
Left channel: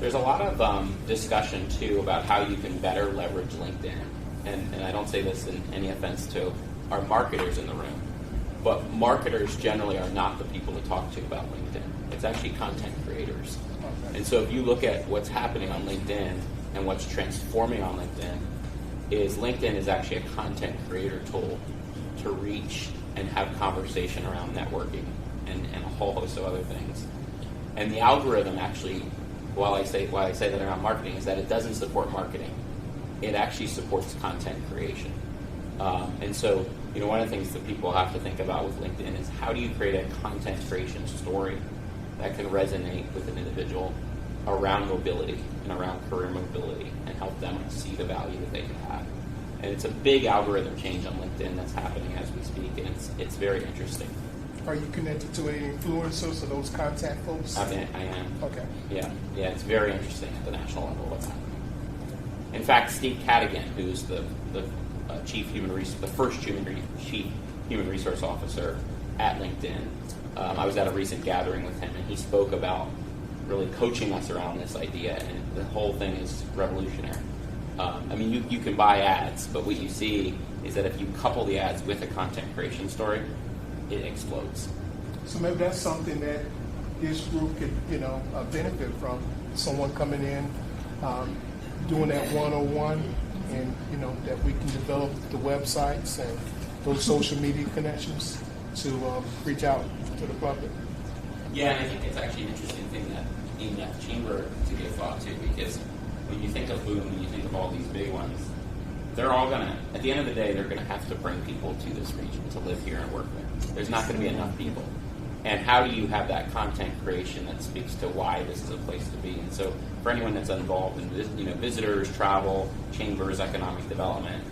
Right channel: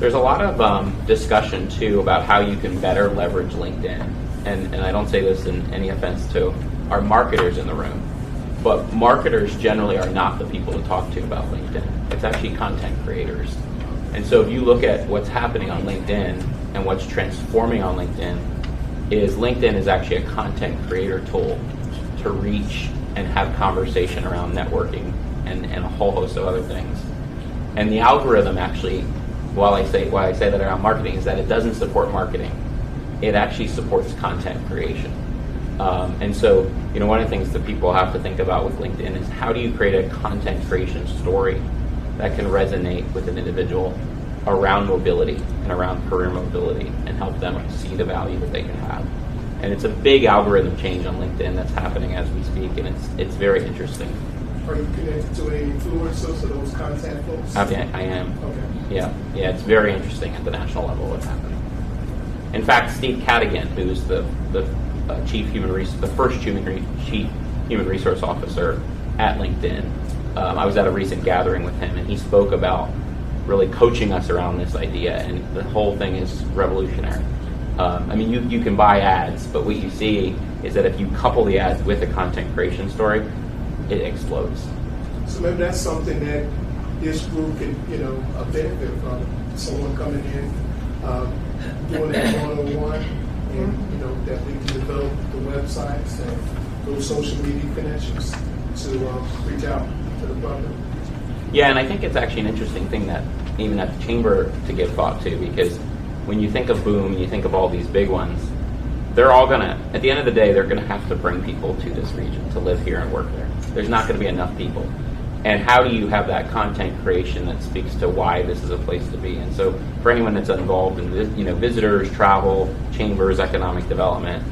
there's a lot of discussion too about how you can better leverage LinkedIn, and I don't say this in any offense to our marketers in the room. But marketers generally are not the people to talk to about LinkedIn. It's actually content creators. And so if you look at what's happening on LinkedIn and what's transforming on LinkedIn is actually a content creator tool to reach and have conversation around networking and a whole host of other things. And the algorithm actually, why I say that around marketing, is that it doesn't support marketing. It actually supports content creation. And so, one of the things that people have to think about with LinkedIn is how do you create a content creation story that can resonate with an individual around mobility and around career mobility and help them see the value that they can have. And it's a big algorithm change on LinkedIn that's happening as we speak, and it's very interesting. Are you connected to any influencers or those contact folks? I am. Okay. Yeah, it's very interesting at the national level what's happening. In fact, Steve Cadigan, who's the chief human resource officer at LinkedIn, I was at a recent gathering with him, and he spoke about really coaching us around this idea, and the whole thing is revolutionary. You can buy ads, but what you see is that if you couple the ads with a content creation story, it explodes. So maybe that's something that this group can, benefit from. Someone coming in, doing that one-on-one, and that we can develop the websites and those social media connections to reach out to the public. Yeah, and I think it's actually an interesting thing that even at the chamber to give thought to, because when you think of Boom and you think of all these big ones, they're all at the end of the day, they're gonna have to bring people to this region to live here and work there. There's not gonna be enough people. And how do you have that content creation that speaks to why this is a place to be? And so for anyone that's involved in visitors, travel, chambers, economic development,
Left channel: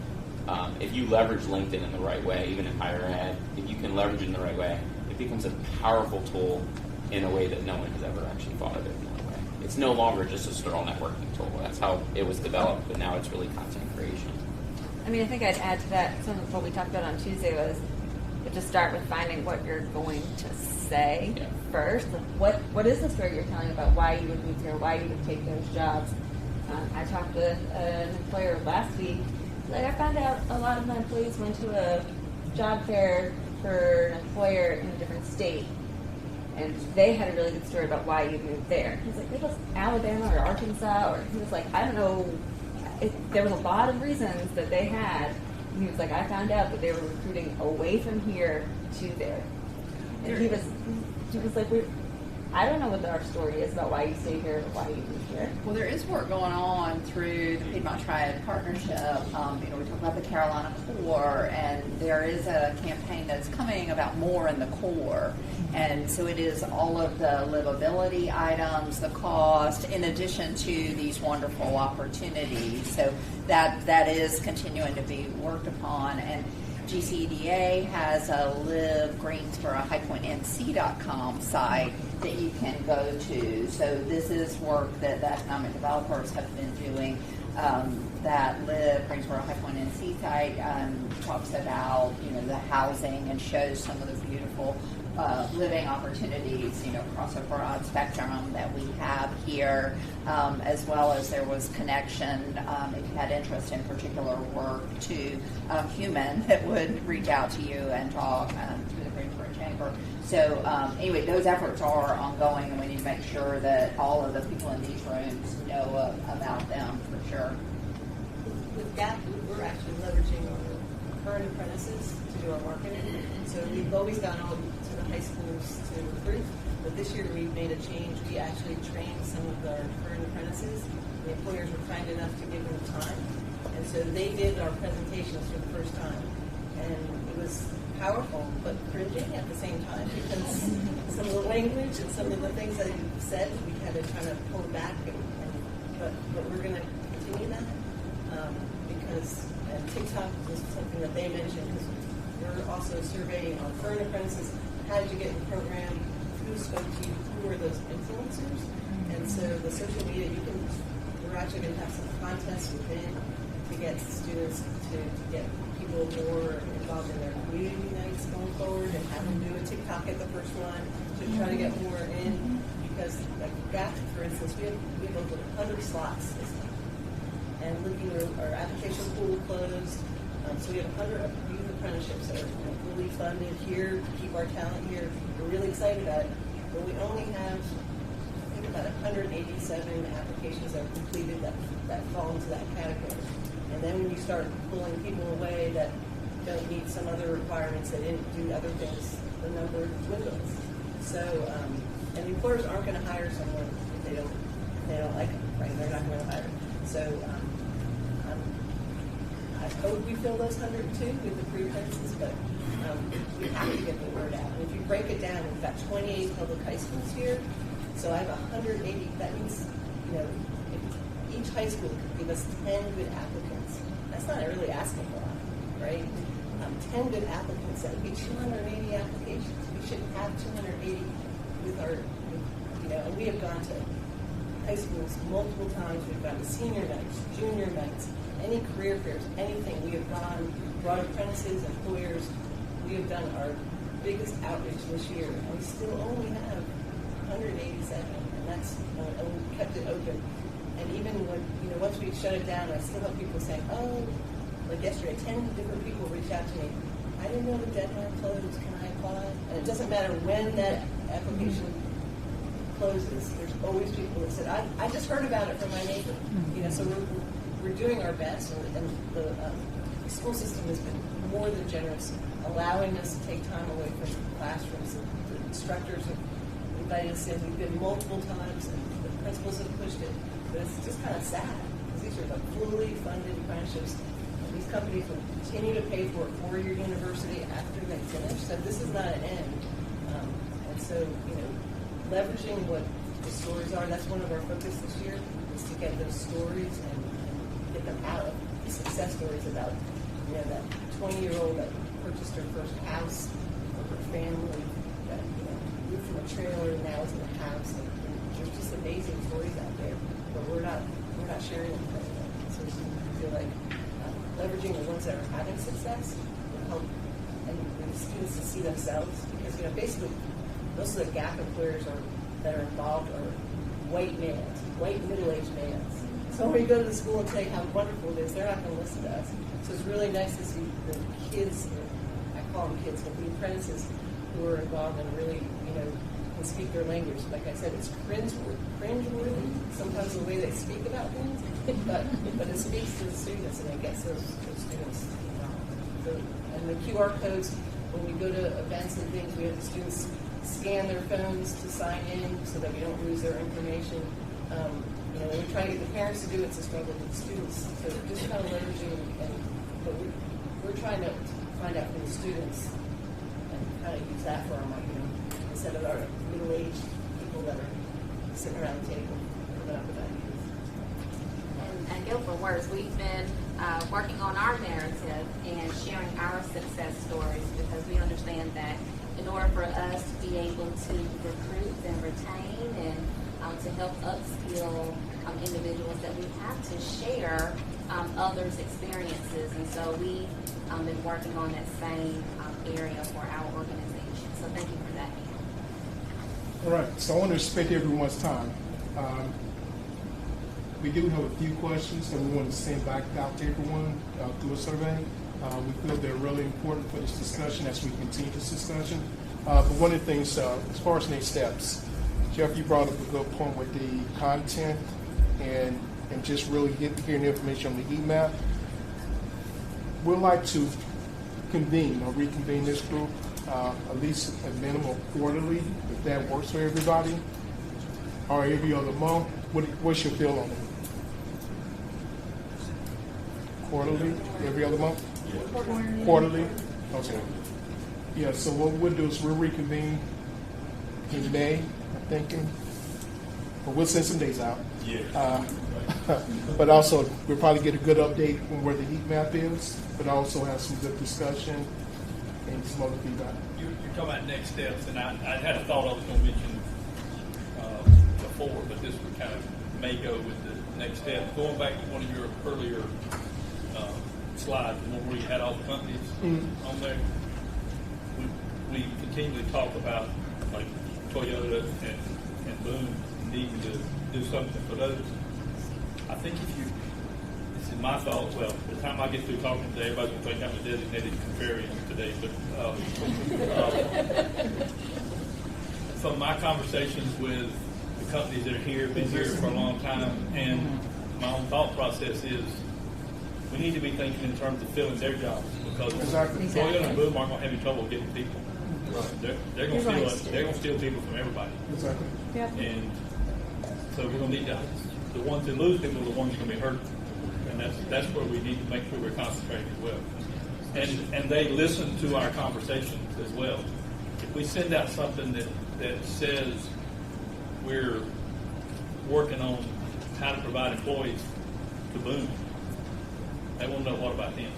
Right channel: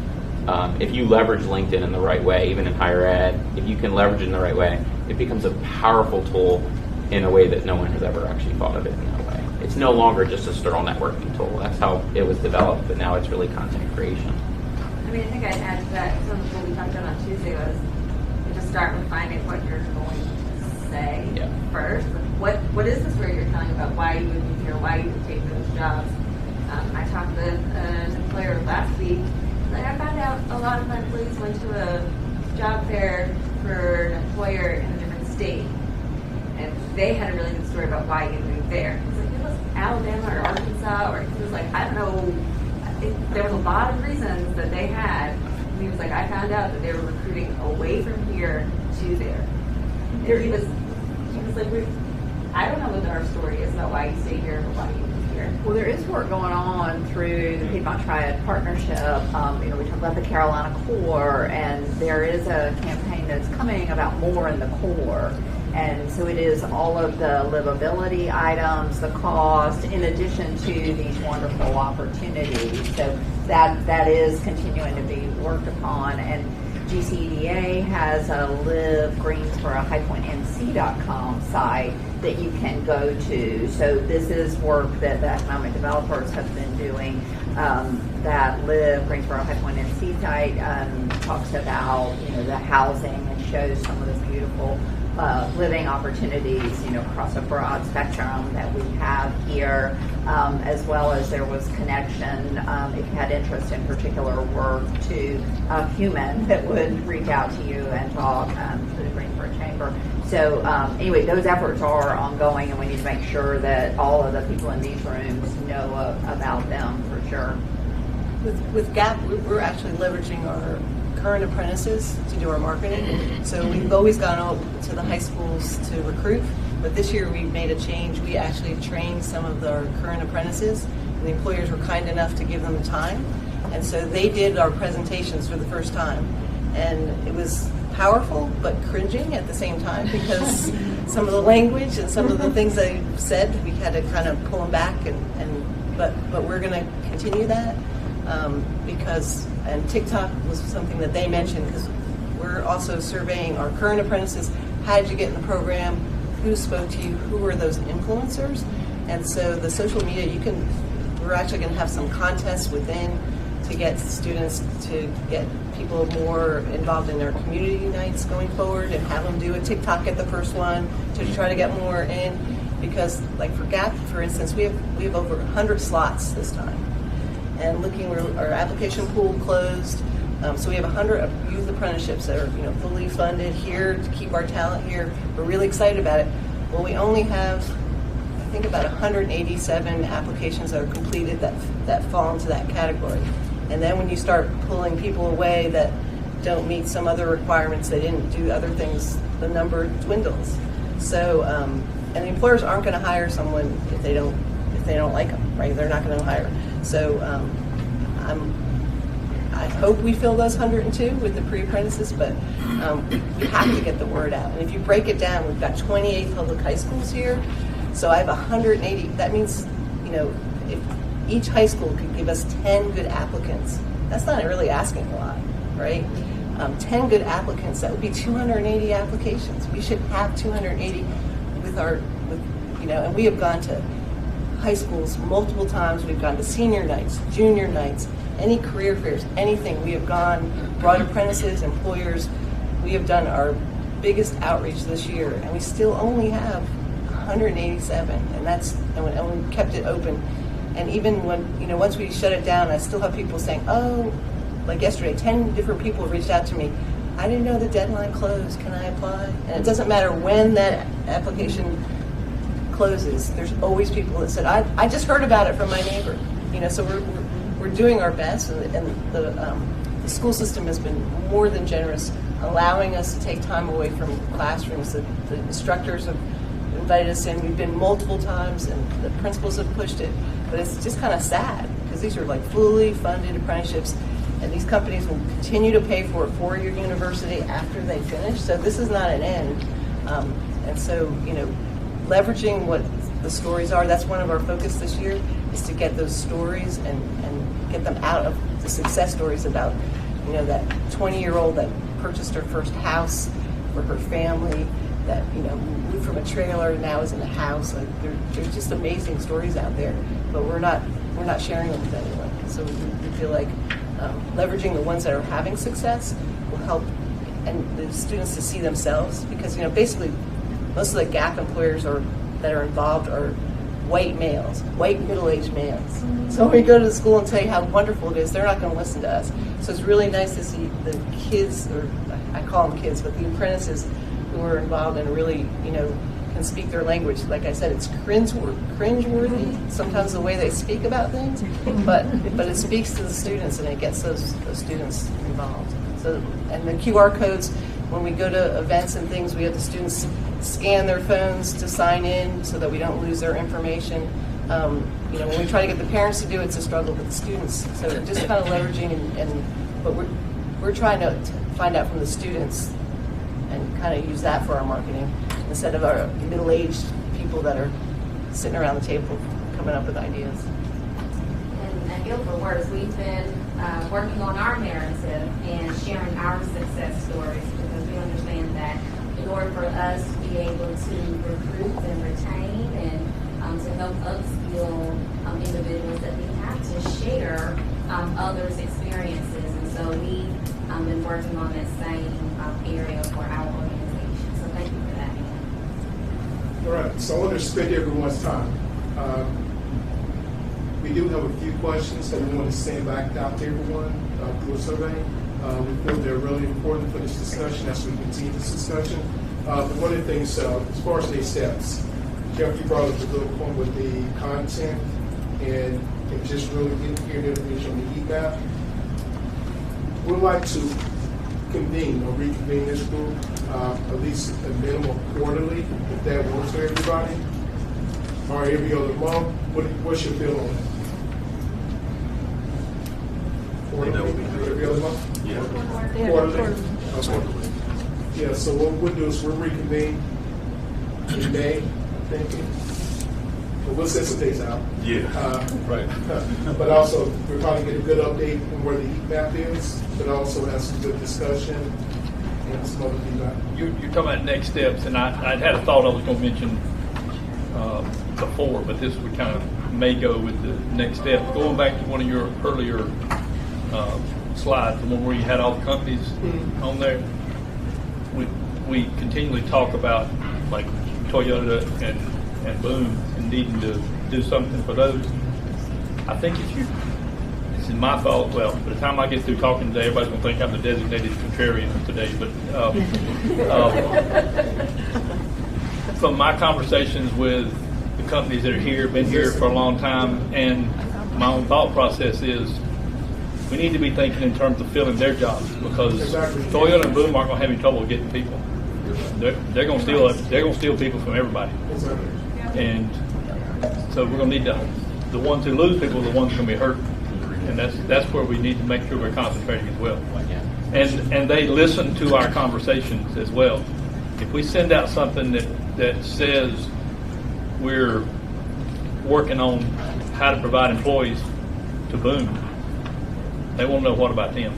if you leverage LinkedIn in the right way, even in higher ed, if you can leverage it in the right way, it becomes a powerful tool in a way that no one has ever actually thought of it in that way. It's no longer just a sterile networking tool. That's how it was developed, but now it's really content creation. I think I'd add to that, some of what we talked about on Tuesday was to start with finding what you're going to say first. What is the story you're telling about why you would be here, why you would take those jobs? I talked with an employer last week. I found out a lot of my employees went to a job fair for an employer in a different state, and they had a really good story about why you moved there. It was like, it was Alabama or Arkansas, or it was like, I don't know. There was a lot of reasons that they had. And he was like, I found out that they were recruiting away from here to there. And he was like, I don't know what our story is about why you stay here and why you move here. Well, there is work going on through the Piedmont Triad Partnership. We talk about the Carolina Core, and there is a campaign that's coming about more in the core. And so it is all of the livability items, the cost, in addition to these wonderful opportunities. So that is continuing to be worked upon. And GCEDA has a livegreensboro-nc.com site that you can go to. So this is work that the economic developers have been doing. That Live Greensboro-NC site talks about the housing and shows some of the beautiful living opportunities across a broad spectrum that we have here, as well as there was connection if you had interest in particular work to Human that would reach out to you and talk to the Greensboro Chamber. So anyway, those efforts are ongoing, and we need to make sure that all of the people in these rooms know about them for sure. With GAP, we're actually leveraging our current apprentices to do our marketing. So we've always gone out to the high schools to recruit, but this year we made a change. We actually trained some of our current apprentices. The employers were kind enough to give them time, and so they did our presentations for the first time. And it was powerful, but cringing at the same time, because some of the language and some of the things they said, we had to kind of pull them back, but we're going to continue that. And TikTok was something that they mentioned, because we're also surveying our current apprentices. How did you get in the program? Who spoke to you? Who were those influencers? And so the social media, we're actually going to have some contests within to get students to get people more involved in their community nights going forward, and have them do a TikTok at the first one to try to get more in. Because like for GAP, for instance, we have over 100 slots this time. And looking, our application pool closed, so we have 100 youth apprenticeships that are fully funded here to keep our talent here. We're really excited about it. Well, we only have, I think, about 187 applications that are completed that fall into that category. And then when you start pulling people away that don't meet some other requirements, they didn't do other things, the number dwindles. So, and the employers aren't going to hire someone if they don't like them, right? They're not going to hire. So I hope we fill those 102 with the pre-apprentices, but we have to get the word out. And if you break it down, we've got 28 public high schools here, so I have 180. That means, if each high school could give us 10 good applicants, that's not really asking a lot, right? 10 good applicants, that would be 280 applications. We should have 280 and we have gone to high schools multiple times. We've gone to senior nights, junior nights, any career fairs, anything. We have gone, brought apprentices, employers. We have done our biggest outreach this year, and we still only have 187, and we kept it open. And even when, once we shut it down, I still have people saying, oh, like yesterday, 10 different people reached out to me. I didn't know the deadline closed. Can I apply? And it doesn't matter when that application closes. There's always people that said, I just heard about it from my neighbor. So we're doing our best, and the school system has been more than generous, allowing us to take time away from classrooms. The instructors have invited us in. We've been multiple times, and the principals have pushed it. But it's just kind of sad, because these are like fully funded apprenticeships, and these companies will continue to pay for a 4-year university after they finish. So this is not an end. And so, leveraging what the stories are, that's one of our focus this year, is to get those stories and get them out of the success stories about, that 20-year-old that purchased her first house for her family, that, moved from a trailer and now is in a house. Like, there's just amazing stories out there, but we're not sharing them with anyone. So we feel like leveraging the ones that are having success will help, and the students to see themselves, because, basically, most of the GAP employers that are involved are white males, white middle-aged males. So when we go to the school and say how wonderful it is, they're not going to listen to us. So it's really nice to see the kids, or I call them kids, but the apprentices who are involved and really, can speak their language. Like I said, it's cringeworthy sometimes the way they speak about things, but it speaks to the students, and it gets those students involved. So, and the QR codes, when we go to events and things, we have the students scan their phones to sign in so that we don't lose their information. When we try to get the parents to do it, it's a struggle with the students. So just kind of leveraging, but we're trying to find out from the students and kind of use that for our marketing. instead of our middle-aged people that are sitting around the table coming up with ideas. And at GuilfordWorks, we've been working on our narrative and sharing our success stories because we understand that in order for us to be able to recruit and retain and to help upskill individuals, that we have to share others' experiences. And so we've been working on that same area for our organization. So thank you for that. All right, so I want to respect everyone's time. We do have a few questions that we want to send back out to everyone through a survey. We feel they're really important for this discussion as we continue this discussion. But one of the things, as far as next steps, Jeff, you brought up a good point with the content and just really hearing information on the heat map. We'd like to convene or reconvene this group at least a minimum quarterly, if that works for everybody, or every other month. What's your feeling on that? Quarterly, every other month? Yeah. Quarterly? Okay. Yeah, so what we'll do is we'll reconvene in May, I'm thinking. But we'll send some days out. Yeah. Right. But also, we'll probably get a good update on where the heat map is, but also have some good discussion and some other feedback. You're talking about next steps, and I had a thought I was going to mention before, but this would kind of may go with the next step. Going back to one of your earlier slides, the one where you had all the companies on there, we continually talk about like Toyota and Boom and needing to do something for those. I think this is my thought, well, by the time I get through talking today, everybody's going to think I'm the designated contrarian today, but from my conversations with the companies that are here, been here for a long time, and my own thought process is we need to be thinking in terms of filling their jobs, because Toyota and Boom aren't going to have any trouble getting people. They're going to steal people from everybody, and so we're going to need the ones who lose people are the ones who are going to be hurt, and that's where we need to make sure we're concentrating as well. And they listen to our conversations as well. If we send out something that says we're working on how to provide employees to Boom, they won't know what about them.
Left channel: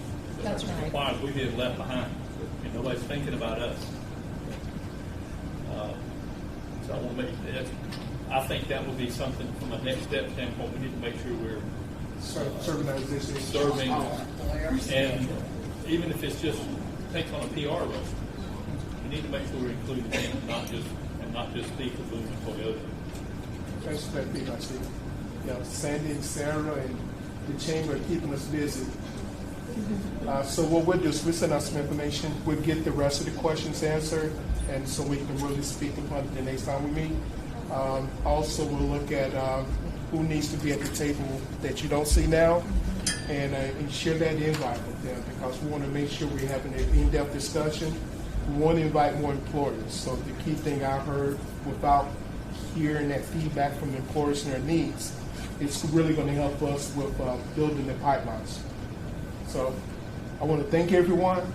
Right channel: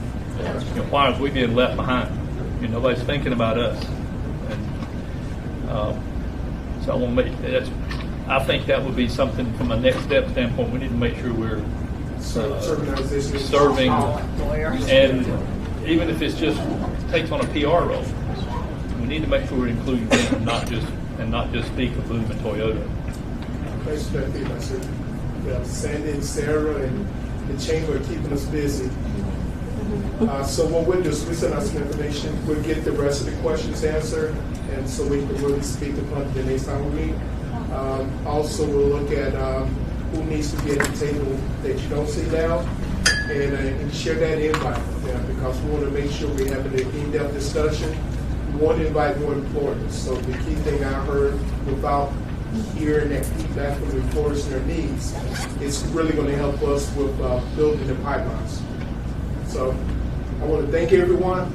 Why are we being left behind? Nobody's thinking about us. And, so I want to make I think that would be something from a next step standpoint. We need to make sure we're serving, and even if it's just takes on a PR role, we need to make sure we're including them, and not just speak of Boom and Toyota. Sandy and Sarah and the chamber are keeping us busy. So what we'll do is we send out some information. We'll get the rest of the questions answered, and so we can really speak to point the next time we meet. Also, we'll look at who needs to be at the table that you don't see now, and share that invite with them, because we want to make sure we're having an in-depth discussion. We want to invite more employers. So the key thing I heard, without hearing that feedback from employers and their needs, it's really going to help us with building the pipelines. So I want to thank everyone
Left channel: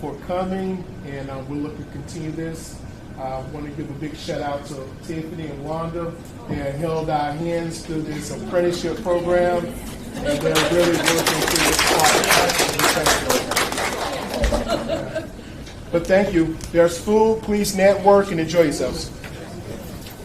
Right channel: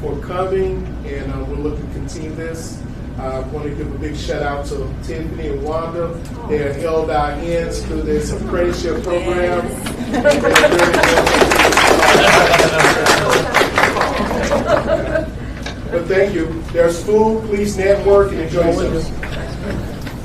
for coming, and we're looking to continue this. I want to give a big shout out to Tiffany and Wanda. They have held our hands through this apprenticeship program. But thank you. There's food. Please network and enjoy yourselves.